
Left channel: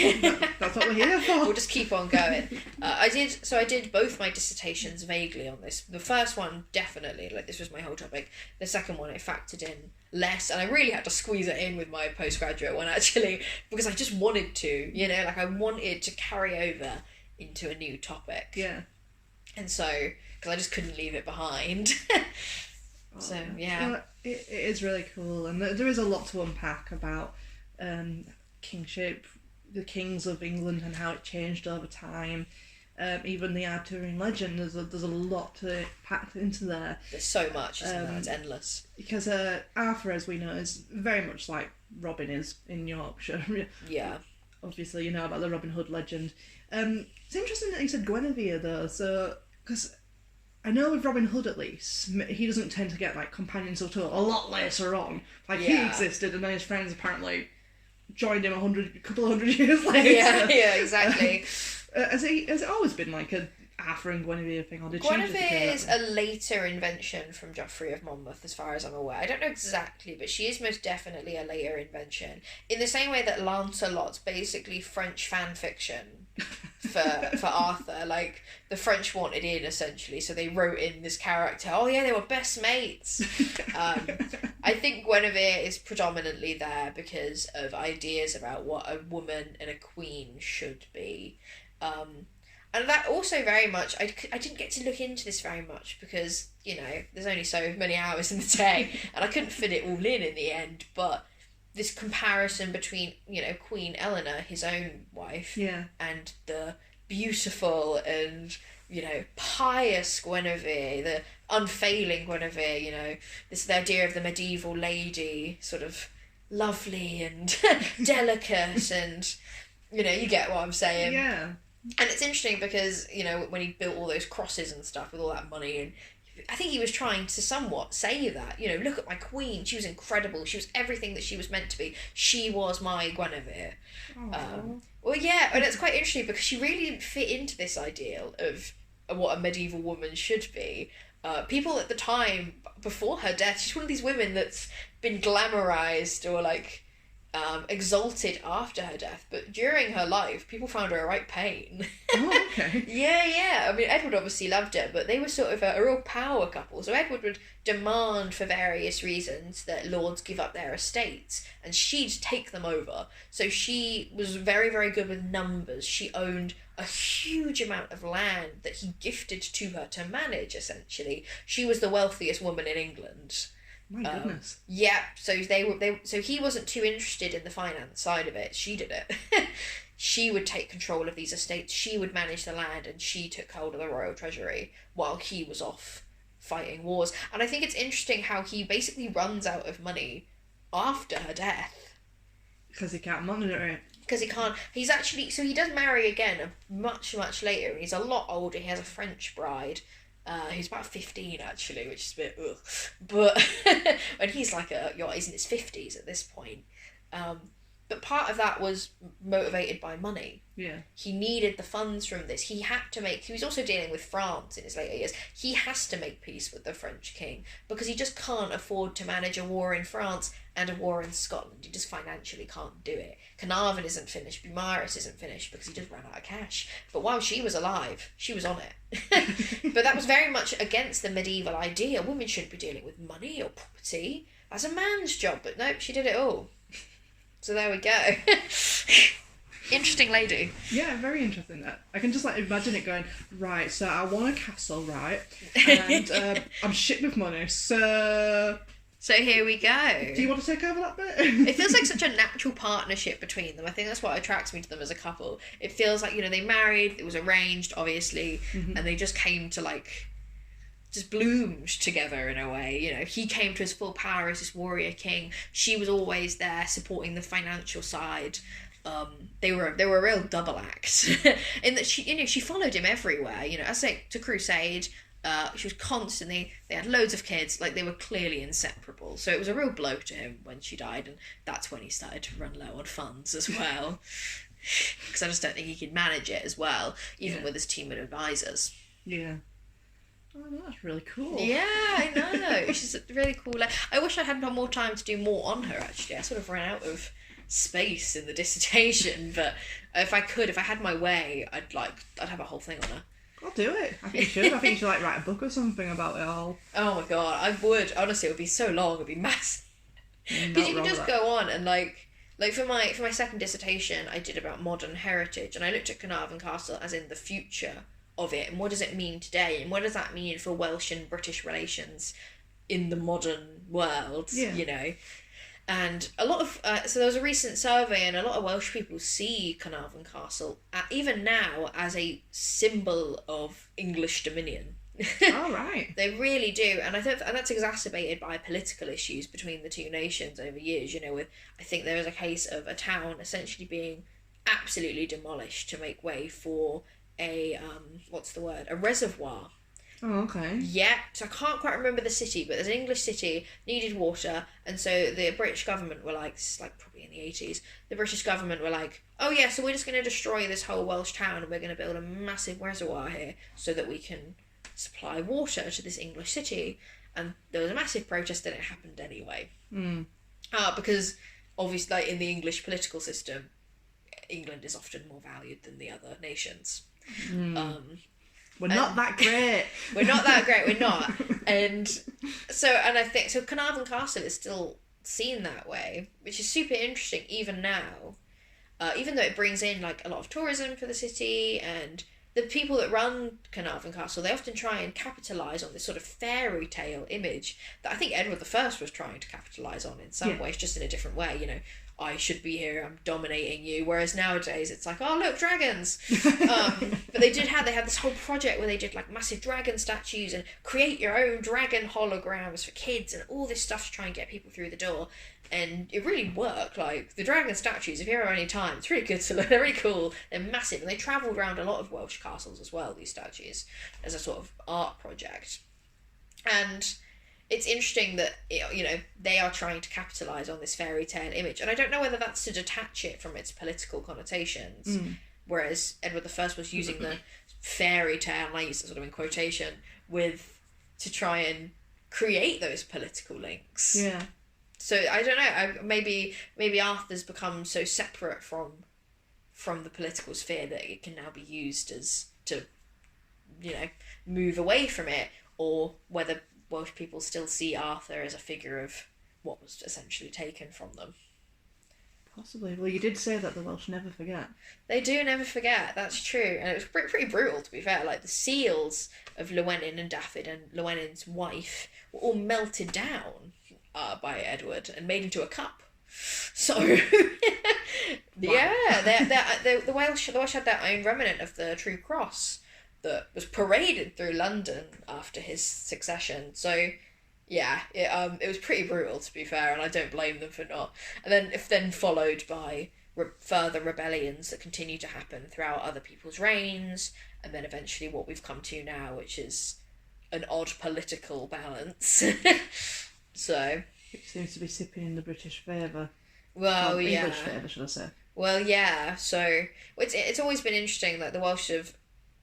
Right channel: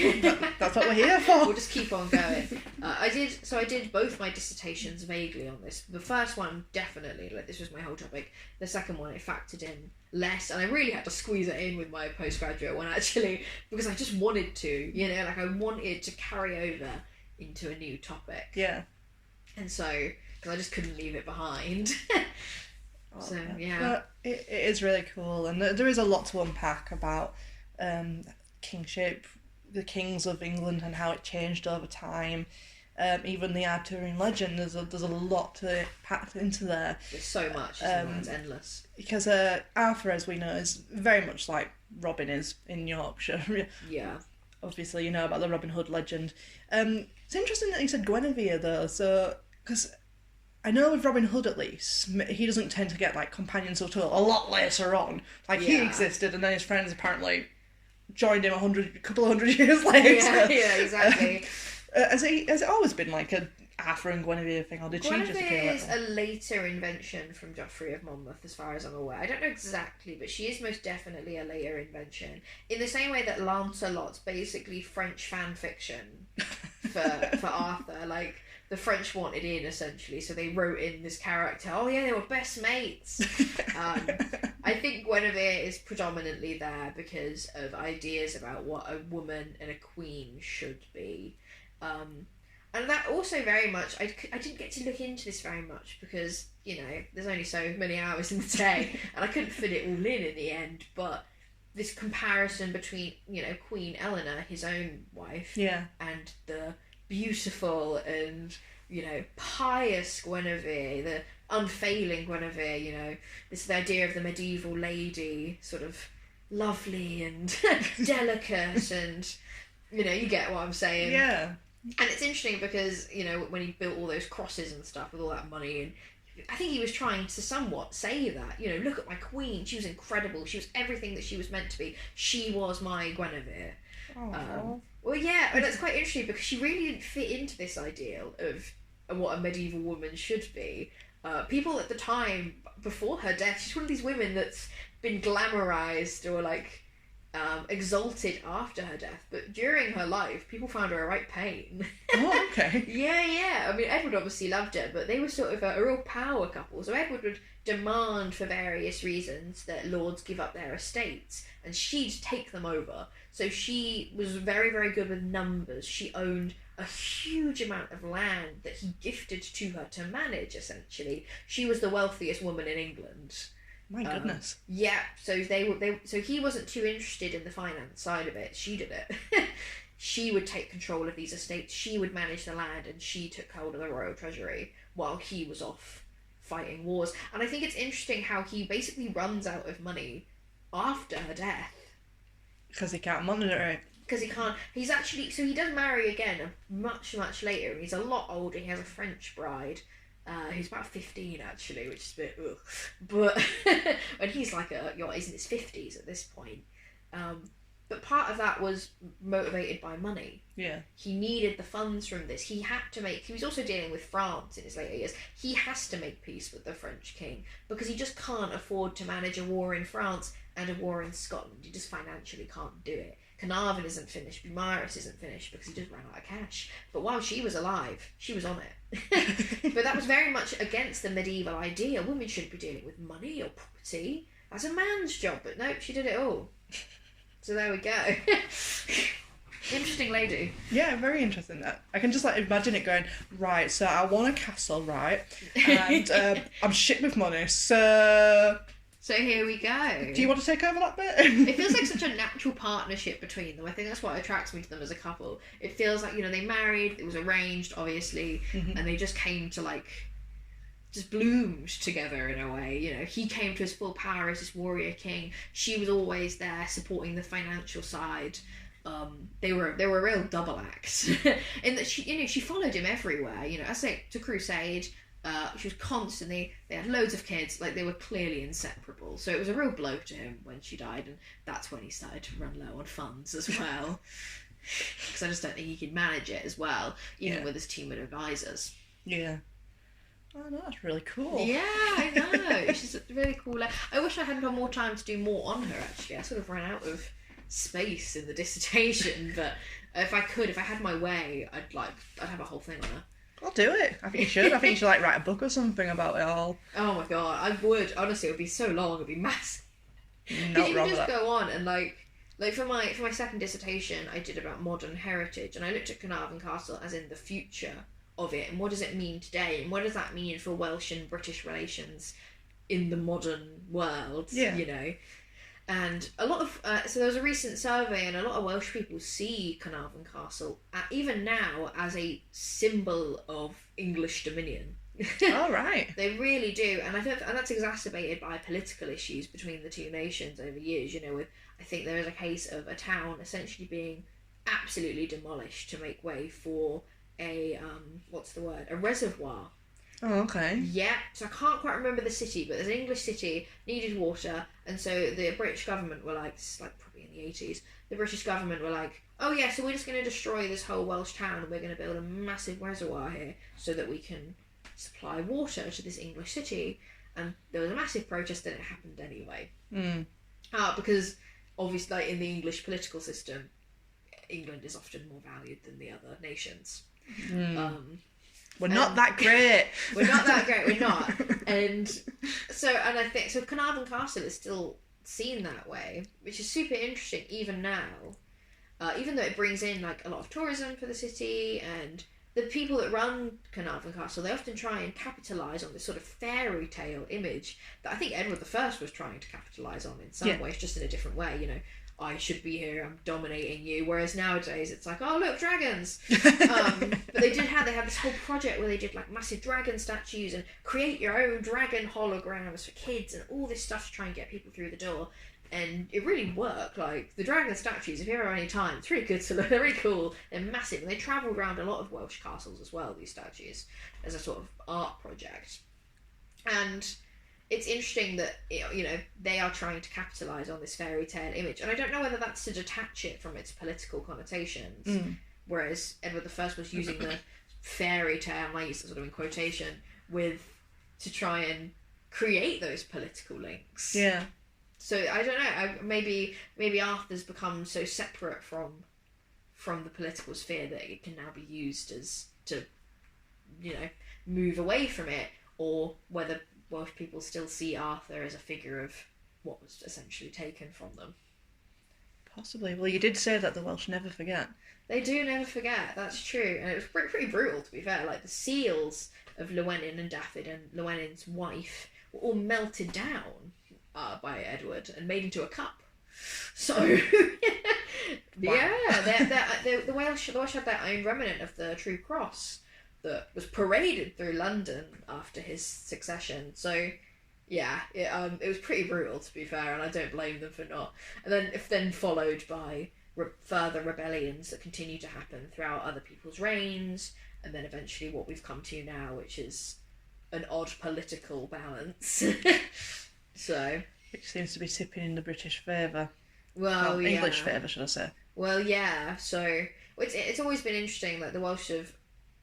That's what we're here for. We'll just keep on going. I did both my dissertations vaguely on this. The first one, definitely, like, this was my whole topic. The second one, I factored in less, and I really had to squeeze it in with my postgraduate one, actually, because I just wanted to, you know, like, I wanted to carry over into a new topic. Yeah. And so, because I just couldn't leave it behind. So, yeah. It is really cool, and there is a lot to unpack about kingship, the kings of England, and how it changed over time. Even the Arthurian legend, there's a lot to pack into there. There's so much, isn't there? It's endless. Because Arthur, as we know, is very much like Robin is in Yorkshire. Yeah. Obviously, you know about the Robin Hood legend. It's interesting that you said Guinevere, though, so, because I know with Robin Hood, at least, he doesn't tend to get, like, companions until a lot later on. Like, he existed, and then his friends apparently joined him a couple of hundred years later. Yeah, exactly. Has it always been, like, a Arthur and Guinevere thing, or did Guinevere she just appear? is a later invention from Geoffrey of Monmouth, as far as I'm aware. I don't know exactly, but she is most definitely a later invention. In the same way that Lancelot's basically French fan fiction for Arthur. Like, the French wanted in, essentially, so they wrote in this character. Oh yeah, they were best mates. I think Guinevere is predominantly there because of ideas about what a woman and a queen should be. And that also very much, I didn't get to look into this very much because, you know, there's only so many hours in the day and I couldn't fit it all in the end, but this comparison between, you know, Queen Eleanor, his own wife, and the beautiful and, you know, pious Guinevere, the unfailing Guinevere, you know, this the idea of the medieval lady, sort of lovely and delicate and, you know, you get what I'm saying. Yeah. And it's interesting because, you know, when he built all those crosses and stuff with all that money, and I think he was trying to somewhat say that, you know, look at my queen, she was incredible, she was everything that she was meant to be, she was my Guinevere. Well, yeah, and it's quite interesting because she really didn't fit into this ideal of what a medieval woman should be. People at the time, before her death, she's one of these women that's been glamorized or, like, exalted after her death, but during her life, people found her a right pain. Oh, okay. Yeah. I mean, Edward obviously loved her, but they were sort of a real power couple. So Edward would demand, for various reasons, that lords give up their estates, and she'd take them over. So she was very, very good with numbers. She owned a huge amount of land that he gifted to her to manage, essentially. She was the wealthiest woman in England. My goodness. Yeah, so so he wasn't too interested in the finance side of it. She did it. She would take control of these estates. She would manage the land, and she took hold of the royal treasury while he was off fighting wars. And I think it's interesting how he basically runs out of money after her death. Because he can't monitor it. Because he can't. He's actually, so he does marry again much, much later, and he's a lot older. He has a French bride. Who's about 15 actually, which is a bit ugh. But and he's like he's in his 50s at this point. But part of that was motivated by money. Yeah. He needed the funds from this. He had to make. He was also dealing with France in his later years. He has to make peace with the French king because he just can't afford to manage a war in France and a war in Scotland. He just financially can't do it. Caernarfon isn't finished. Beaumaris isn't finished because he just ran out of cash. But while she was alive, she was on it. But that was very much against the medieval idea. Women shouldn't be dealing with money or property. That's a man's job. But nope, she did it all. So there we go. Interesting lady. Yeah, very interesting. That I can just like imagine it going, right, so I want a castle, right, and I'm shit with money, so here we go. Do you want to take over that bit? It feels like such a natural partnership between them. I think that's what attracts me to them as a couple. It feels like, you know, they married, it was arranged, obviously, and they just came to, like, just bloomed together in a way. You know, he came to his full power as this warrior king. She was always there supporting the financial side. They were a real double act in that she followed him everywhere. You know, as to crusade. She was constantly, they had loads of kids, like they were clearly inseparable. So it was a real blow to him when she died, and that's when he started to run low on funds as well. Because I just don't think he could manage it as well, even with his team of advisors. Yeah. Oh, no, that's really cool. Yeah, I know. She's really cool. I wish I had more time to do more on her, actually. I sort of ran out of space in the dissertation, but if I had my way, I'd have a whole thing on her. I'll do it. I think you should. I think you should write a book or something about it all. Oh my god, I would. Honestly, it would be so long. It'd be massive. Because you can just go on and like for my second dissertation, I did about modern heritage, and I looked at Caernarfon Castle as in the future of it, and what does it mean today, and what does that mean for Welsh and British relations in the modern world? You know. And a lot of so there was a recent survey, and a lot of Welsh people see Caernarfon Castle even now as a symbol of English dominion. Oh, right. They really do, and and that's exacerbated by political issues between the two nations over years. You know, I think there is a case of a town essentially being absolutely demolished to make way for a a reservoir. Oh, okay. Yeah, so I can't quite remember the city, but there's an English city, needed water, and so the British government were like, this is like probably in the 80s, the British government were like, oh yeah, so we're just going to destroy this whole Welsh town, and we're going to build a massive reservoir here so that we can supply water to this English city. And there was a massive protest, and it happened anyway. Because obviously, like, in the English political system, England is often more valued than the other nations. We're not that great. We're not that great, we're not. And I think, so Caernarfon Castle is still seen that way, which is super interesting even now. Even though it brings in, like, a lot of tourism for the city, and the people that run Caernarfon Castle, they often try and capitalise on this sort of fairy tale image that I think Edward I was trying to capitalise on in some ways, just in a different way, you know. I should be here, I'm dominating you. Whereas nowadays it's like, oh look, dragons. But they had this whole project where they did like massive dragon statues and create your own dragon holograms for kids and all this stuff to try and get people through the door. And it really worked. Like, the dragon statues, if you ever have any time, it's really good to look. They're really cool. They're massive. And they travelled around a lot of Welsh castles as well, these statues, as a sort of art project. And it's interesting that, you know, they are trying to capitalise on this fairy tale image. And I don't know whether that's to detach it from its political connotations, whereas Edward I was using the fairy tale, and I use it sort of in quotation, to try and create those political links. Yeah. So I don't know. Maybe Arthur's become so separate from the political sphere that it can now be used as to, you know, move away from it, or whether Welsh people still see Arthur as a figure of what was essentially taken from them. Possibly. Well, you did say that the Welsh never forget. They do never forget, that's true. And it was pretty brutal, to be fair. Like, the seals of Llewellyn and Dafydd and Llewellyn's wife were all melted down by Edward and made into a cup. So, yeah, the Welsh had their own remnant of the True Cross that was paraded through London after his succession. So, yeah, it was pretty brutal, to be fair, and I don't blame them for not. And then followed by further rebellions that continue to happen throughout other people's reigns, and then eventually what we've come to now, which is an odd political balance. So, which seems to be tipping in the British favour. Well, yeah. English favour, should I say? Well, yeah. So it's always been interesting. Like, the Welsh have,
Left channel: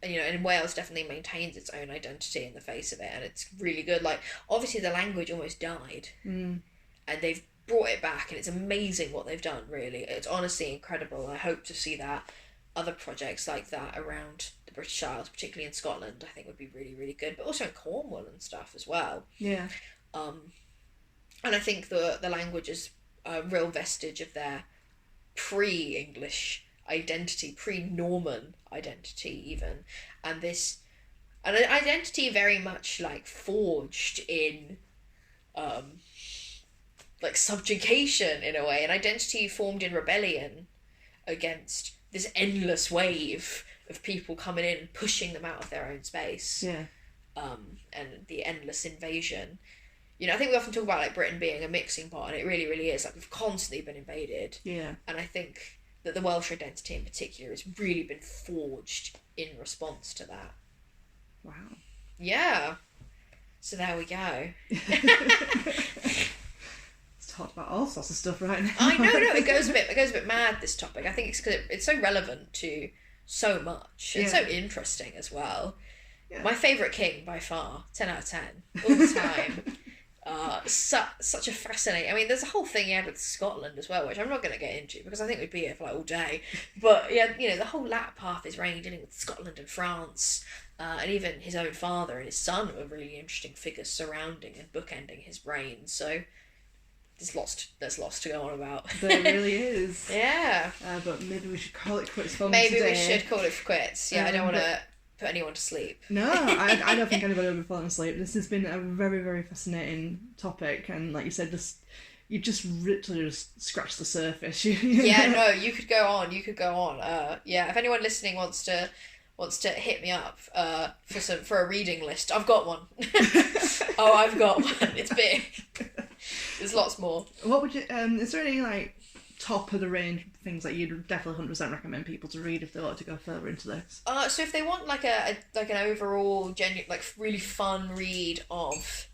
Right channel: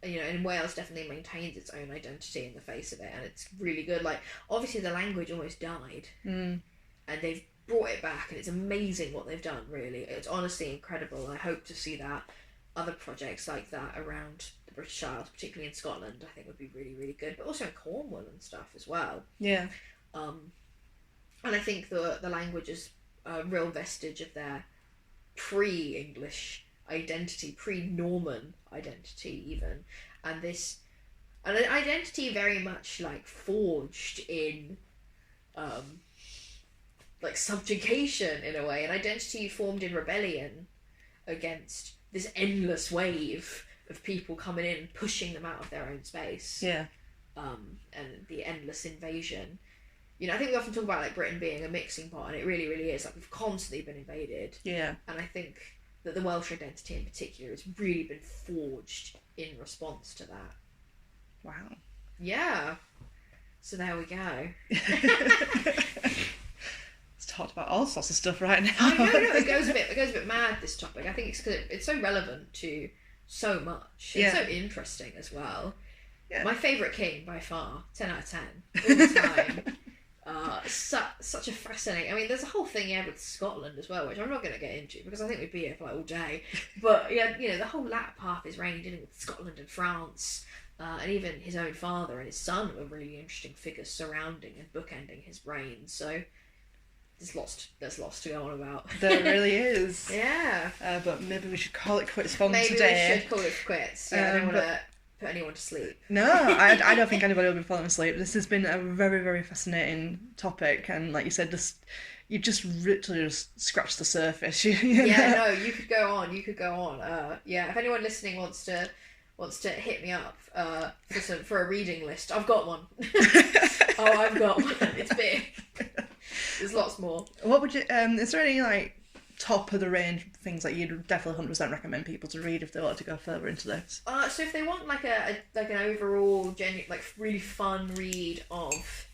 you know, and Wales definitely maintains its own identity in the face of it, and it's really good. Like, obviously the language almost died, and they've brought it back, and it's amazing what they've done. Really, it's honestly incredible. I hope to see that other projects like that around the British Isles, particularly in Scotland, I think would be really, really good. But also in Cornwall and stuff as well. Yeah. And I think the language is a real vestige of their pre-English identity, pre-Norman identity even, and an identity very much like forged in like subjugation in a way, an identity formed in rebellion against this endless wave of people coming in and pushing them out of their own space. Yeah. And the endless invasion. You know, I think we often talk about, like, Britain being a mixing pot, and it really, really is. Like, we've constantly been invaded. Yeah. And I think that the Welsh identity in particular has really been forged in response to that. Wow. Yeah. So there we go. It's talked about all sorts of stuff right now. I know, it goes a bit mad, this topic. I think it's because it's so relevant to so much. It's so interesting as well. Yeah. My favourite king by far, 10 out of 10, all the time. Such a fascinating... I mean, there's a whole thing he had with Scotland as well, which I'm not going to get into because I think we'd be here for like all day. But yeah, you know, the whole latter part of his reign, dealing with Scotland and France, and even his own father and his son were really interesting figures surrounding and bookending his reign. So there's lots to go on about. There really is. Yeah. But maybe we should call it quits for today. Maybe we should call it quits. Yeah, I don't want to put anyone to sleep. No, I don't think anybody will be falling asleep. This has been a very, very fascinating topic, and like you said, you just literally just scratched the surface. Yeah, no, you could go on. Yeah, if anyone listening wants to hit me up for a reading list, I've got one. I've got one. It's big. There's lots more. What would you? Is there any like top of the range things that you'd definitely 100% recommend people to read if they want to go further into this? So if they want like an overall genuine like really fun read of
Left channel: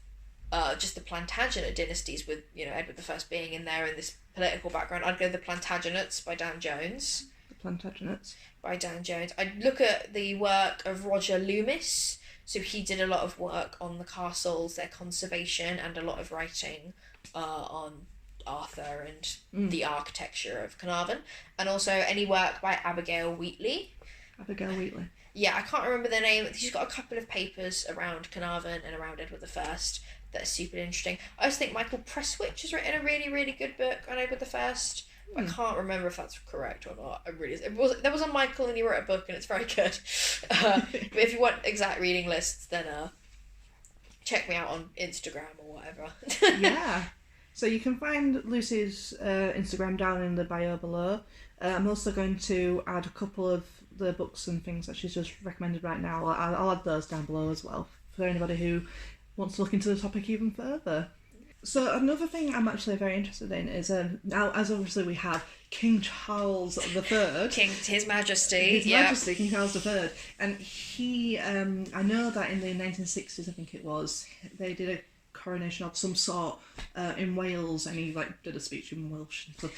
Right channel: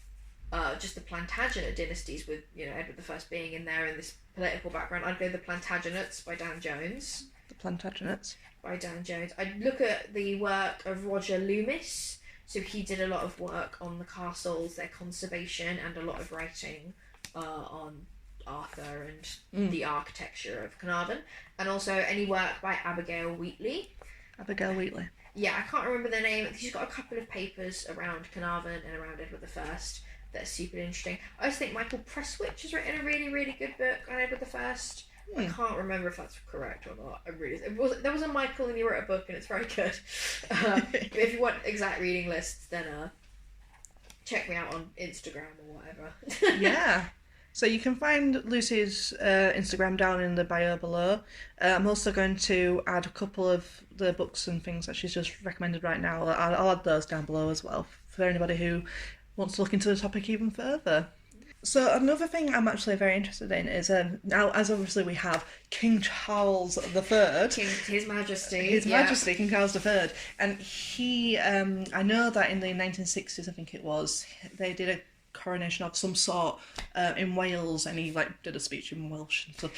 just the Plantagenet dynasties with, you know, Edward I being in there and this political background, I'd go The Plantagenets by Dan Jones. The Plantagenets by Dan Jones. I'd look at the work of Roger Loomis. So he did a lot of work on the castles, their conservation, and a lot of writing on Arthur and the architecture of Caernarfon, and also any work by Abigail Wheatley. Abigail Wheatley. Yeah, I can't remember their name. She's got a couple of papers around Caernarfon and around Edward I that are super interesting. I also think Michael Prestwich has written a really, really good book on Edward I. I can't remember if that's correct or not. There was a Michael and he wrote a book and it's very good. But if you want exact reading lists, then check me out on Instagram or whatever. Yeah. So you can find Lucy's Instagram down in the bio below. I'm also going to add a couple of the books and things that she's just recommended right now. I'll add those down below as well for anybody who wants to look into the topic even further. So another thing I'm actually very interested in is now, as obviously we have King Charles III. His Majesty. His Majesty, King Charles III. And he, I know that in the 1960s, I think it was, they did a coronation of some sort in Wales, and he like did a speech in Welsh and stuff.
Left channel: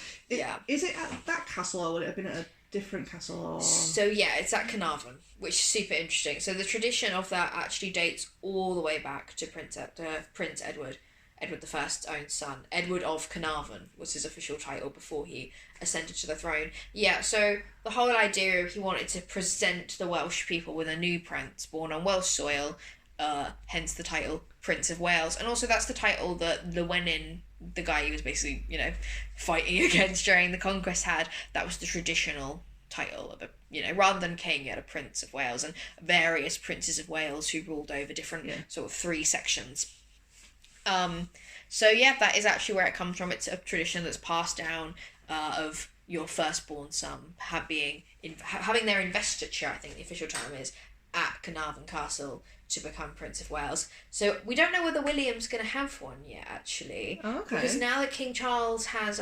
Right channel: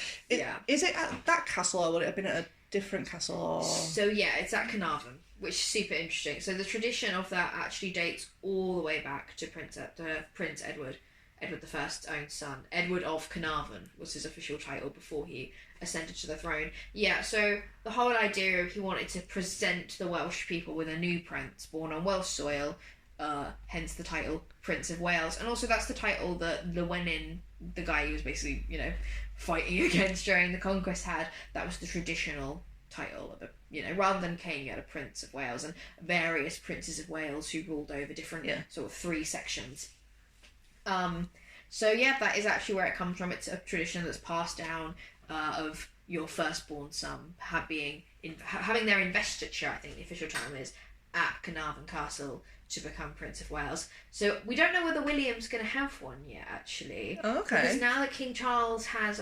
Is it at that castle, or would it have been at a different castle? Or... So yeah, it's at Caernarfon, which is super interesting. So the tradition of that actually dates all the way back to Prince Edward I's own son. Edward of Caernarfon was his official title before he ascended to the throne. Yeah, so the whole idea of he wanted to present the Welsh people with a new prince born on Welsh soil, hence the title Prince of Wales. And also that's the title that Llewellyn, the guy he was basically, you know, fighting against during the conquest, had. That was the traditional title of rather than king, you had a Prince of Wales and various princes of Wales who ruled over different sort of three sections. So yeah, that is actually where it comes from. It's a tradition that's passed down of your firstborn son having their investiture, I think the official term is, at Caernarfon Castle to become Prince of Wales. So we don't know whether William's going to have one yet, actually. Oh, okay. Because now that King Charles has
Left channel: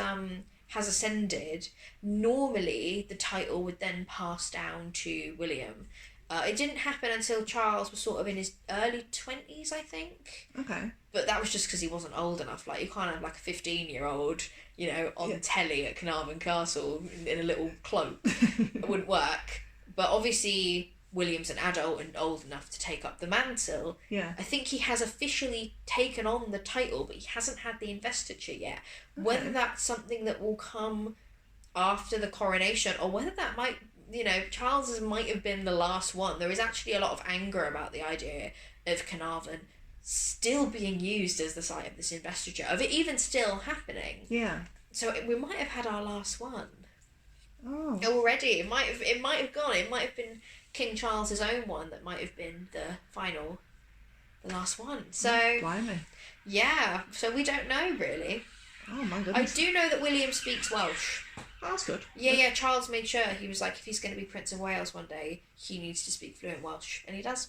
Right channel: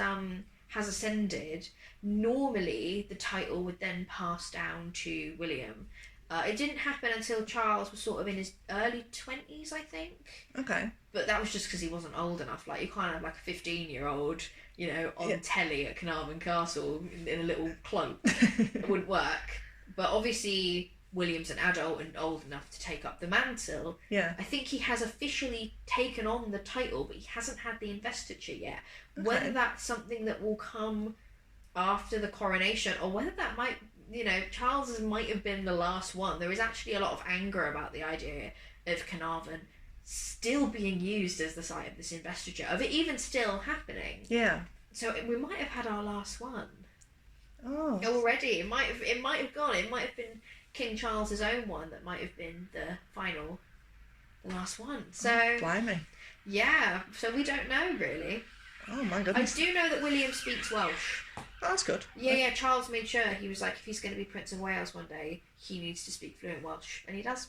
ascended, normally the title would then pass down to William. It didn't happen until Charles was sort of in his early 20s, I think. Okay. But that was just because he wasn't old enough. Like, you can't have like a 15-year-old, you know, on telly at Caernarfon Castle in a little cloak. It wouldn't work. But obviously, William's an adult and old enough to take up the mantle. Yeah. I think he has officially taken on the title, but he hasn't had the investiture yet. Okay. Whether that's something that will come after the coronation, or whether that might... You know, Charles's might have been the last one. There is actually a lot of anger about the idea of Caernarfon still being used as the site of this investiture, of it even still happening. Yeah. So we might have had our last one. Oh. Already. It might have gone. It might have been King Charles's own one that might have been the last one. So. Blimey. Yeah. So we don't know really. Oh my goodness. I do know that William speaks Welsh. Oh, that's good. Yeah, Charles made sure. He was like, if he's going to be Prince of Wales one day, he needs to speak fluent Welsh, and he does.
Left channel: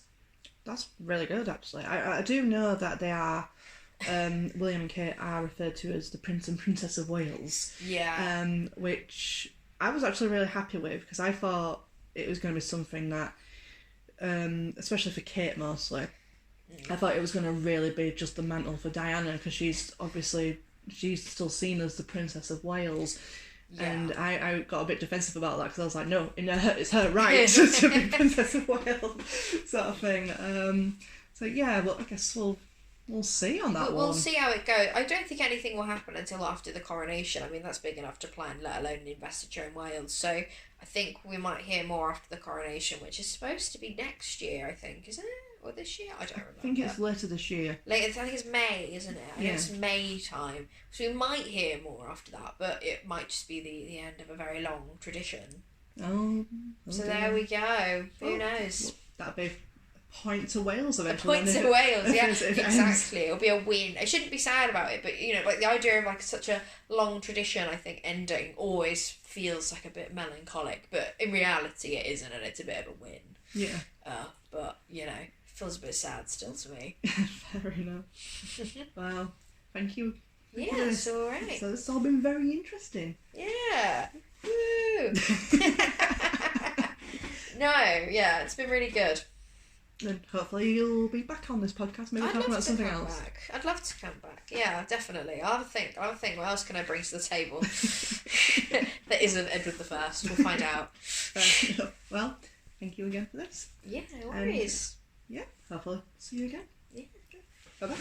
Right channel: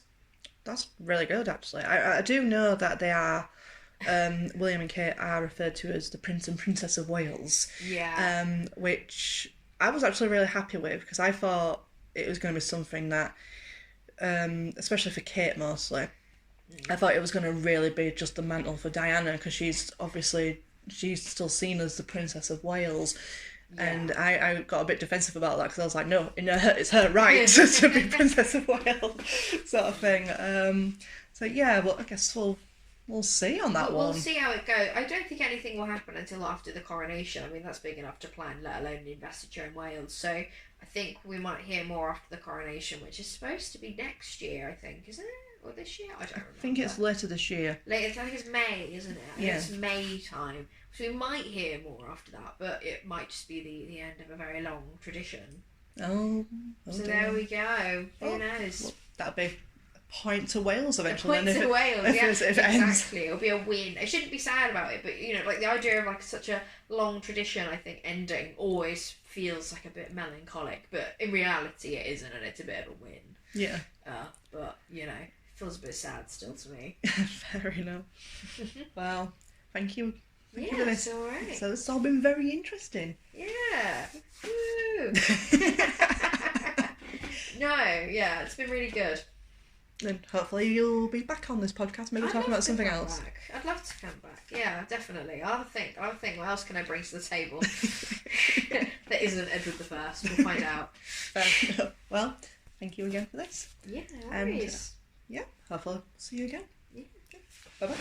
That's really good, actually. I do know that they are, William and Kate are referred to as the Prince and Princess of Wales. Yeah. Which I was actually really happy with, because I thought it was going to be something that, especially for Kate mostly, I thought it was going to really be just the mantle for Diana, because she's still seen as the Princess of Wales. Yeah. And I got a bit defensive about that because I was like, no, it's her right to be Princess of Wales, sort of thing. So yeah, but I guess we'll see on that one. We'll see how it goes. I don't think anything will happen until after the coronation. I mean, that's big enough to plan, let alone an investiture in Wales. So I think we might hear more after the coronation, which is supposed to be next year, I think, isn't it? Or this year? I don't remember. I think it's later this year. I think it's May, isn't it? Yeah. It's May time. So we might hear more after that, but it might just be the end of a very long tradition. Oh. So there we go. Who knows? Well, that'll be a point to Wales eventually. A point to Wales, yeah. Exactly. It'll be a win. I shouldn't be sad about it, but like the idea of like such a long tradition, I think ending always feels like a bit melancholic, but in reality it isn't, and it's a bit of a win. Yeah. But it feels a bit sad still to me. Fair enough. Well, thank you. Yeah, it's alright. So it's all been very interesting. Yeah. Woo! No, yeah, it's been really good. And hopefully you'll be back on this podcast, maybe talking about something else. I'd love to come back. Yeah, definitely. I'll have a think. What else can I bring to the table that isn't Edward the First? We'll find out. Well, thank you again for this. Yeah, no worries. And, hopefully see you again. Yeah. Bye bye.